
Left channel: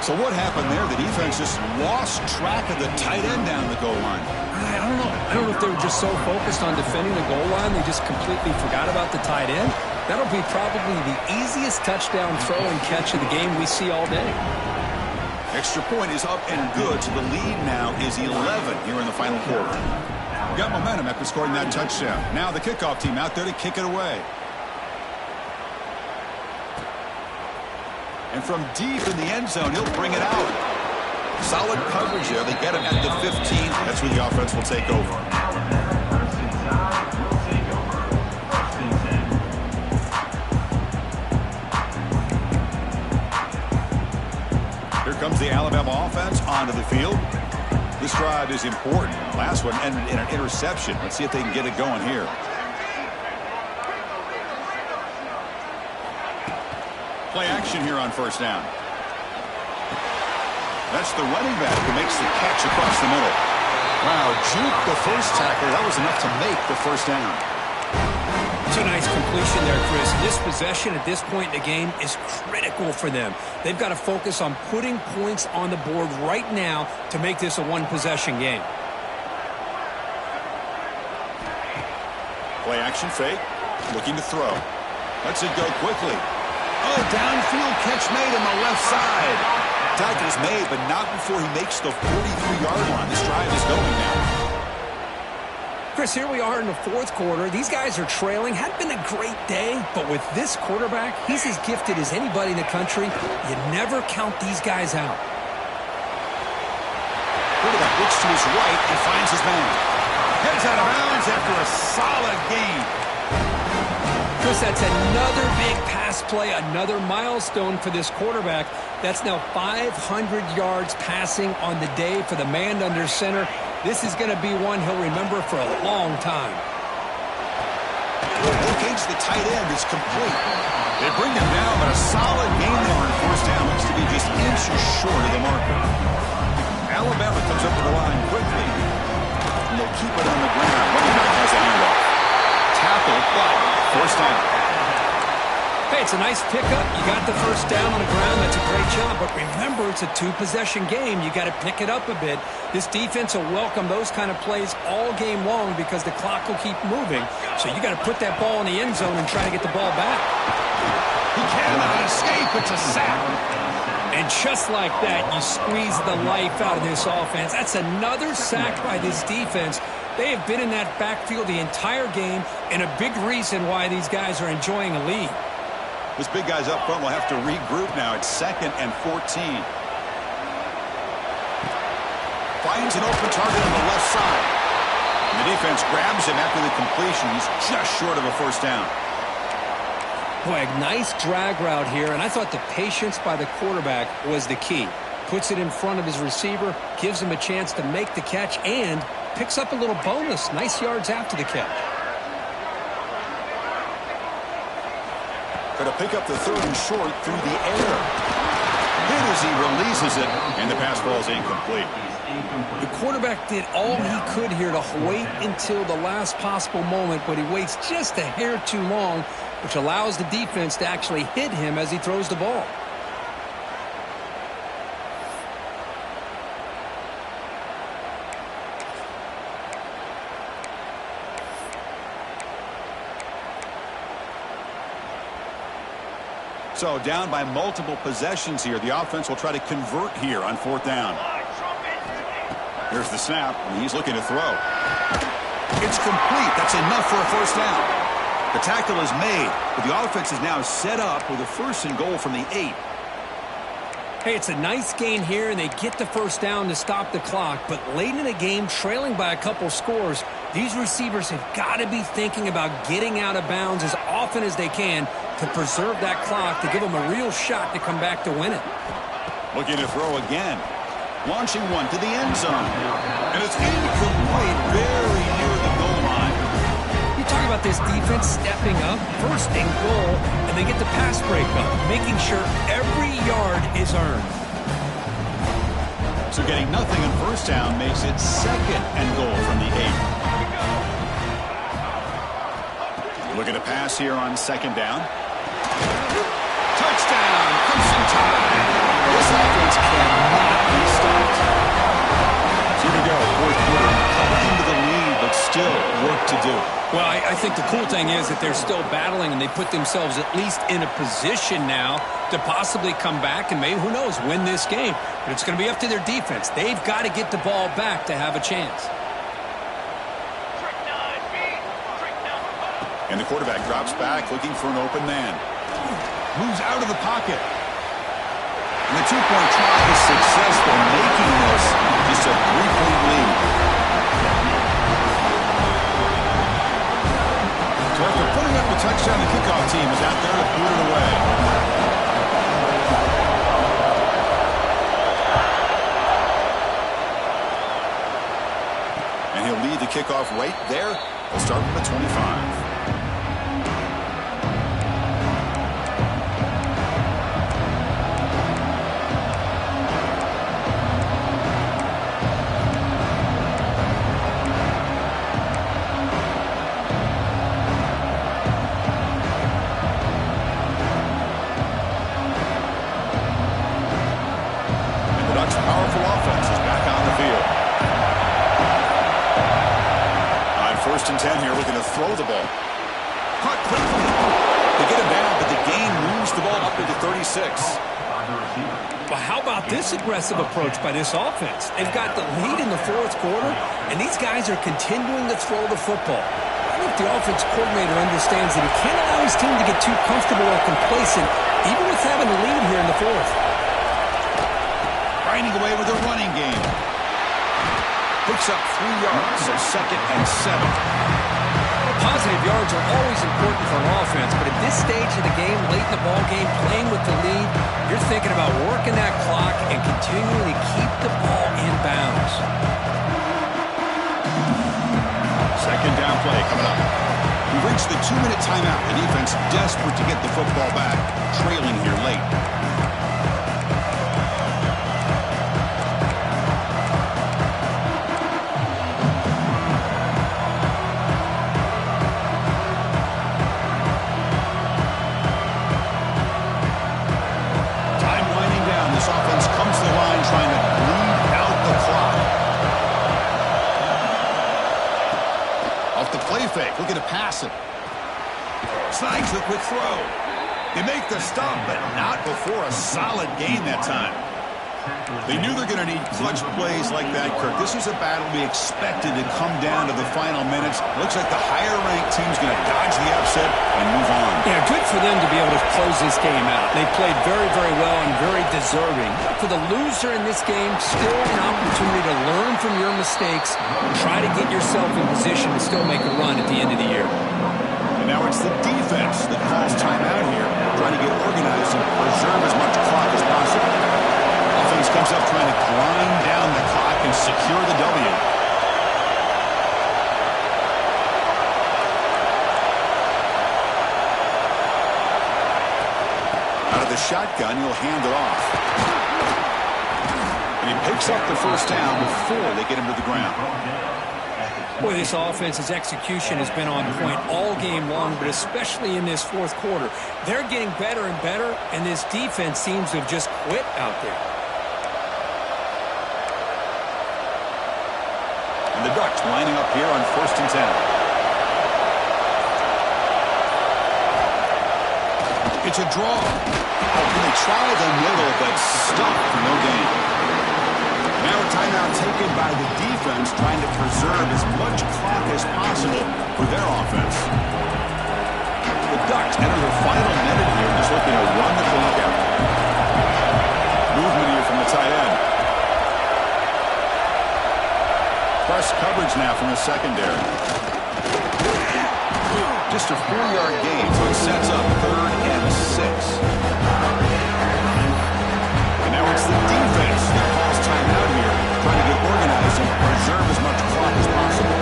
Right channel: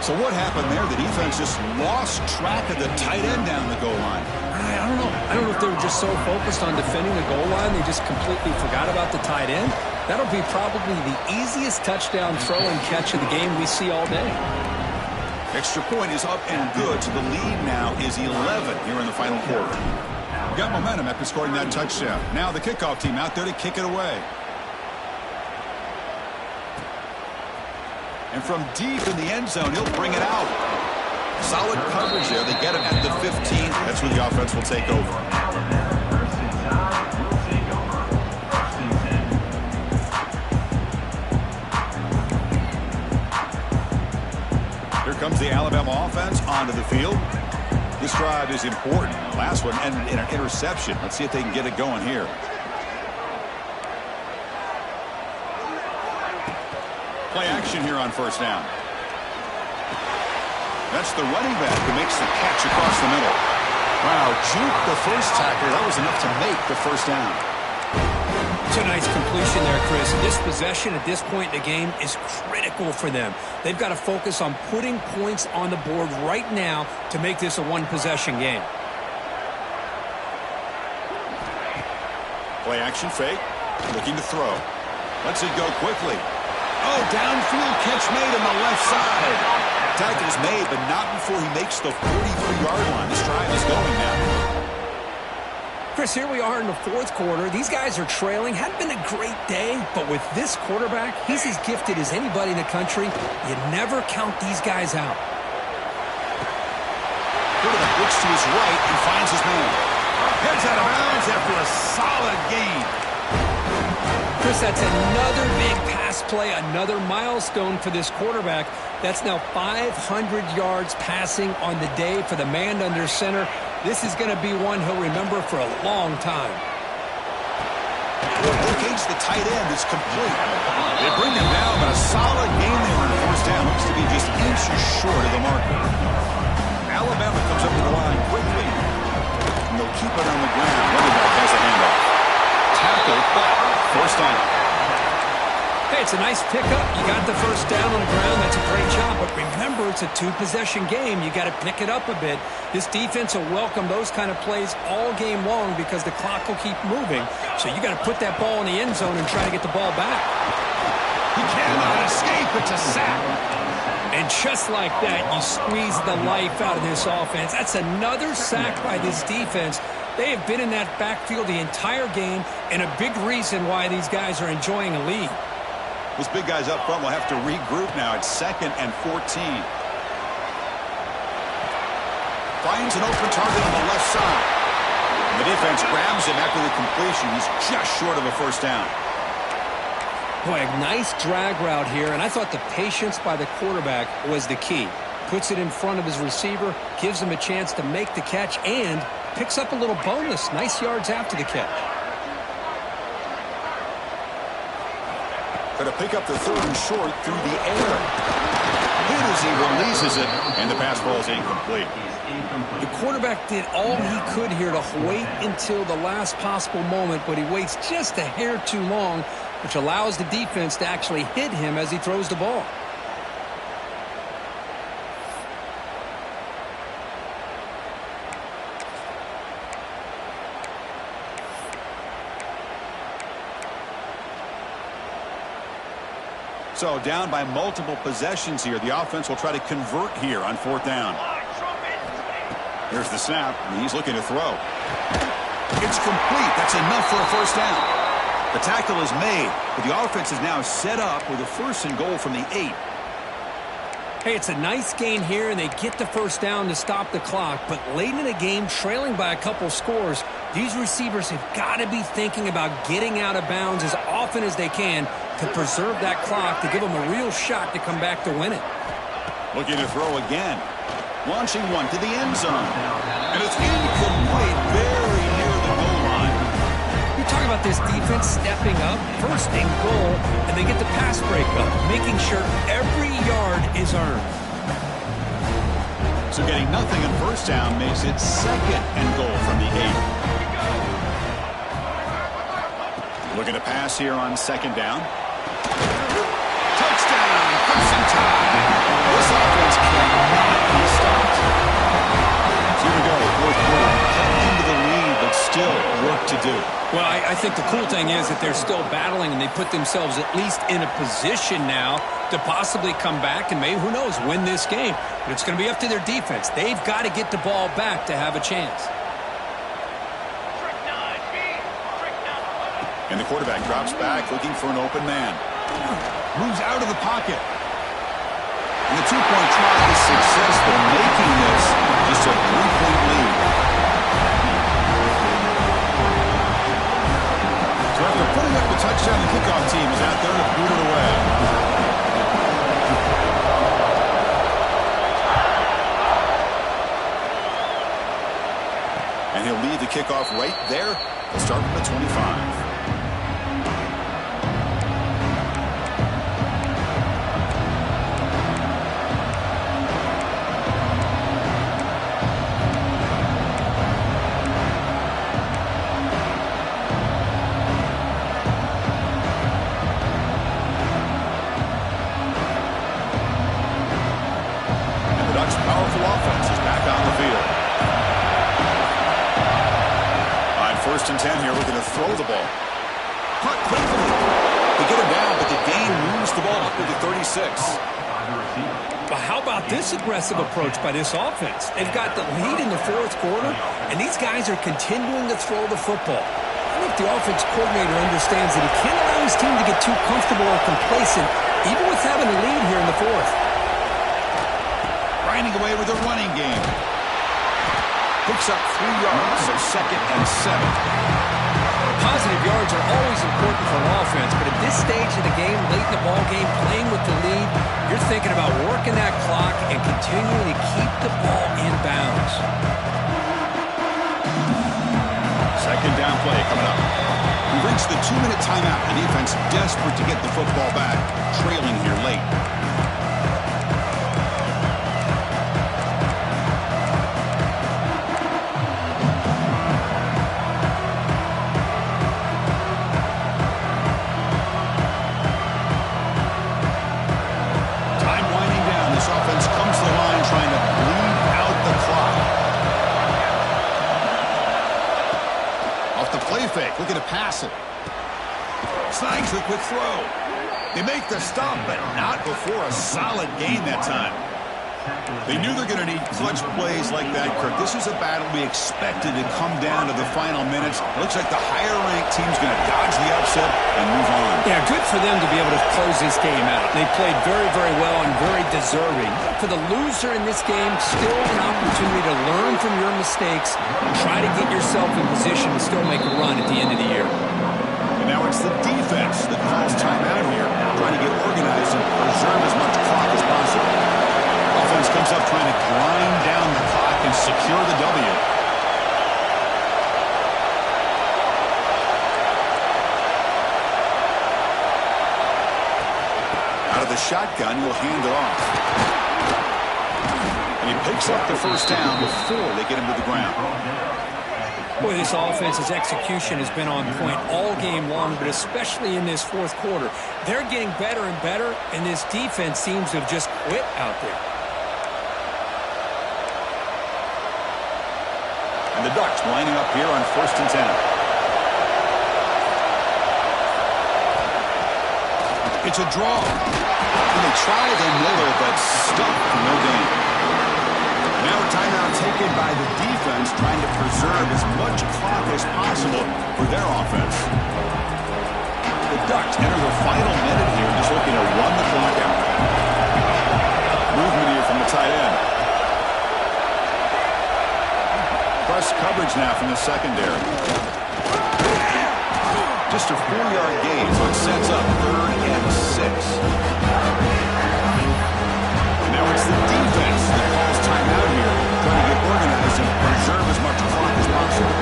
So what happened there? The defense just lost track of the tight end down the goal line. I don't know. I don't know if they were just so focused on defending the goal line they just completely forgot about the tight end. That'll be probably the easiest touchdown throw and catch of the game we see all day. Extra point is up and good, so the lead now is 11 here in the final quarter. We got momentum after scoring that touchdown. Now the kickoff team out there to kick it away. And from deep in the end zone, he'll bring it out. Solid coverage there. They get him at the 15. That's where the offense will take over. Here comes the Alabama offense onto the field. This drive is important. Last one ended in an interception. Let's see if they can get it going here. Play action here on first down. That's the running back who makes the catch across the middle. Wow, juke the first tackler. That was enough to make the first down. It's a nice completion there, Chris. This possession at this point in the game is critical for them. They've got to focus on putting points on the board right now to make this a one-possession game. Play action fake. Looking to throw. Lets it go quickly. Oh, downfield catch made on the left side. Tackle's made, but not before he makes the 43-yard line. This drive is going now. Chris, here we are in the fourth quarter. These guys are trailing. Hadn't been a great day, but with this quarterback, he's as gifted as anybody in the country. You never count these guys out. Quarterback looks to his right and finds his man. Heads out of bounds after a solid gain. Chris, that's another big pass play, another milestone for this quarterback. That's now 500 yards passing on the day for the man under center. This is going to be one he'll remember for a long time. Locates the tight end. It's complete. They bring him down, but a solid gain there on first down. Looks to be just inches short of the marker. Alabama comes up to the line quickly. And they'll keep it on the ground. Running back has the handoff. Tackle, but first down. Hey, it's a nice pickup. You got the first down on the ground. That's a great job. But remember, it's a two-possession game. You got to pick it up a bit. This defense will welcome those kind of plays all game long because the clock will keep moving. So you got to put that ball in the end zone and try to get the ball back. He cannot escape. It's a sack. And just like that, you squeeze the life out of this offense. That's another sack by this defense. They have been in that backfield the entire game, and a big reason why these guys are enjoying a lead. This big guy's up front will have to regroup now. It's 2nd and 14. Finds an open target on the left side. And the defense grabs him after the completion. He's just short of a first down. Boy, a nice drag route here, and I thought the patience by the quarterback was the key. Puts it in front of his receiver, gives him a chance to make the catch, and picks up a little bonus. Nice yards after the catch. Going to pick up the 3rd and short through the air. Hit as he releases it, and the pass ball is incomplete. The quarterback did all he could here to wait until the last possible moment, but he waits just a hair too long, which allows the defense to actually hit him as he throws the ball. So down by multiple possessions here. The offense will try to convert here on 4th down. Here's the snap, and he's looking to throw. It's complete. That's enough for a first down. The tackle is made, but the offense is now set up with a 1st and goal from the 8. Hey, it's a nice gain here, and they get the first down to stop the clock. But late in the game, trailing by a couple scores, these receivers have got to be thinking about getting out of bounds as often as they can to preserve that clock, to give them a real shot to come back to win it. Looking to throw again. Launching one to the end zone. And it's incomplete, very near the goal line. You talk about this defense stepping up, 1st and goal, and they get the pass breakup, making sure every yard is earned. So getting nothing on first down makes it 2nd and goal from the 8. Looking to pass here on 2nd down. Touchdown, Crimson Tide. This offense cannot be stopped. So here we go, 4th quarter. Cut into the lead, but still work to do. Well, I think the cool thing is that they're still battling, and they put themselves at least in a position now to possibly come back and maybe, who knows, win this game. But it's going to be up to their defense. They've got to get the ball back to have a chance. And the quarterback drops back, looking for an open man. Moves out of the pocket. And the 2-point try is successful, making this just a 3-point lead. So after putting up the touchdown, the kickoff team is out there to boot it away. And he'll lead the kickoff right there. We'll start from the 25. Powerful offense is back on the field. On 1st and 10 here, looking to throw the ball. Caught quickly. The get him down, but the gain moves the ball up to the 36. Well, how about this aggressive approach by this offense? They've got the lead in the fourth quarter, and these guys are continuing to throw the football. I think the offense coordinator understands that he can't allow his team to get too comfortable or complacent, even with having a lead here in the fourth. Grinding away with a running game. Picks up 3 yards, so 2nd and 7. Positive yards are always important for an offense, but at this stage of the game, late in the ball game, playing with the lead, you're thinking about working that clock and continuing to keep the ball in bounds. 2nd down play coming up. We've reached the 2-minute timeout. The defense desperate to get the football back, trailing here late. Trying to bleed out the clock. Off the play fake, looking to pass it. Snags the quick throw. They make the stop, but not before a solid gain that time. They knew they're going to need clutch plays like that, Kirk. This is a battle we expected to come down to the final minutes. It looks like the higher-ranked team's going to dodge the upset and move on. Yeah, good for them to be able to close this game out. They played very, very well and very deserving. For the loser in this game, still an opportunity to learn from your mistakes and try to get yourself in position to still make a run at the end of the year. And now it's the defense that calls timeout here, trying to get organized and preserve as much clock as possible. Offense comes up trying to grind down the clock and secure the W. Out of the shotgun, he'll hand it off. And he picks up the first down before they get him to the ground. Boy, this offense's execution has been on point all game long, but especially in this fourth quarter. They're getting better and better, and this defense seems to have just quit out there. And the Ducks lining up here on 1st and 10. It's a draw. And they try the middle, but stuck for no gain. Now a timeout taken by the defense, trying to preserve as much clock as possible for their offense. The Ducks enter the final minute here, just looking to run the clock out. Movement here from the tight end. Press coverage now from the secondary. Just a 4-yard gain, so it sets up 3rd and 6. And now it's the defense that calls timeout here, trying to get organized and preserve as much clock as possible.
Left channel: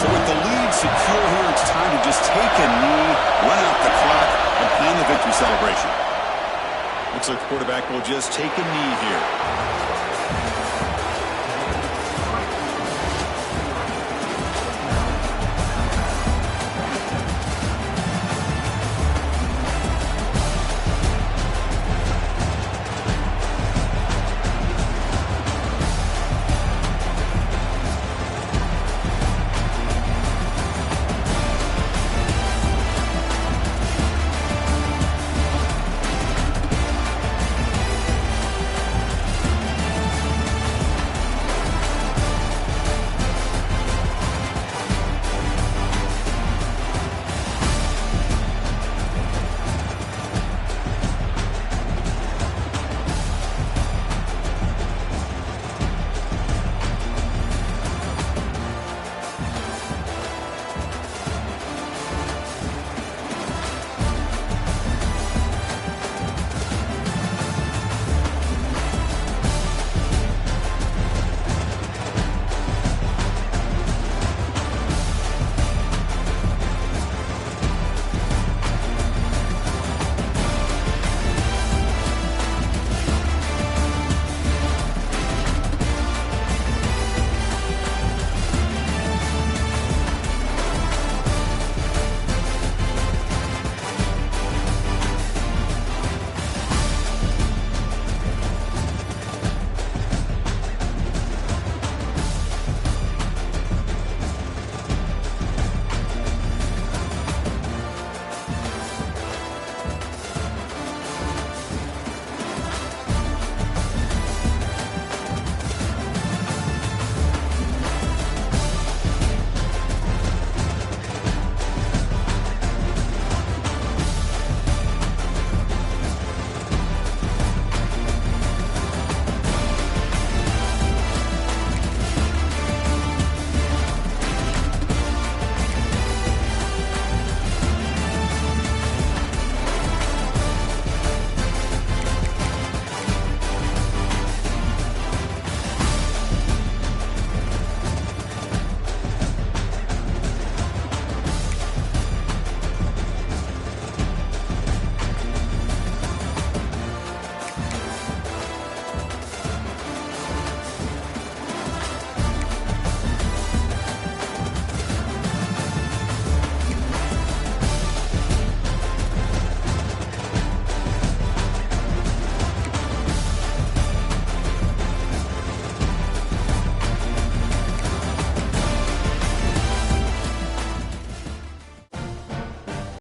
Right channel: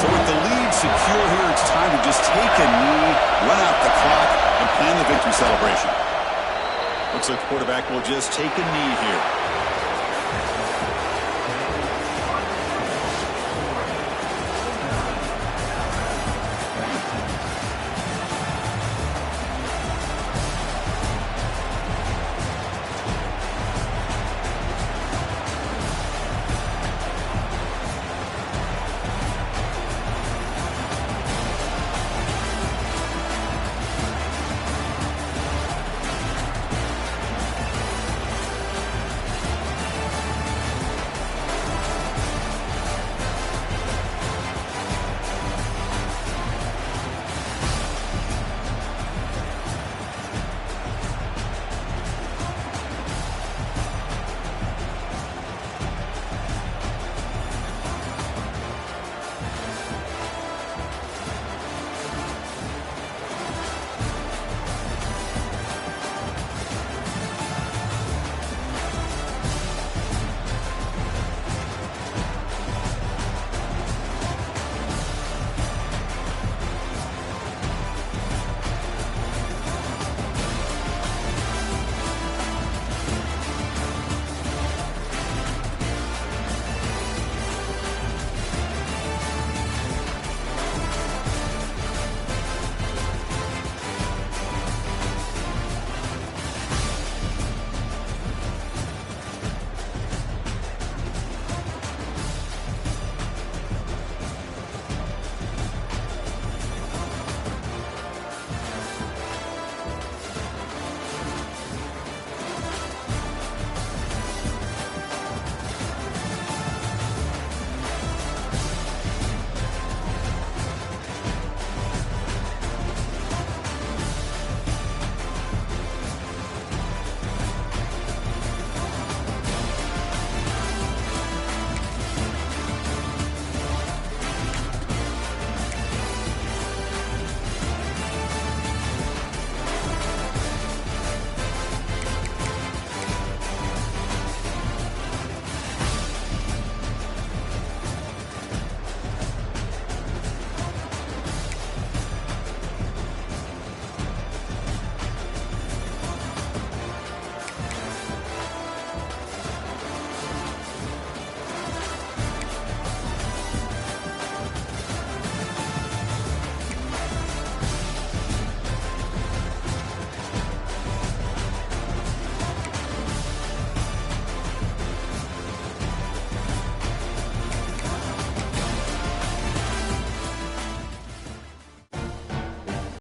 So with the lead secure here, it's time to just take a knee, run out the clock, and plan the victory celebration. Looks like the quarterback will just take a knee here.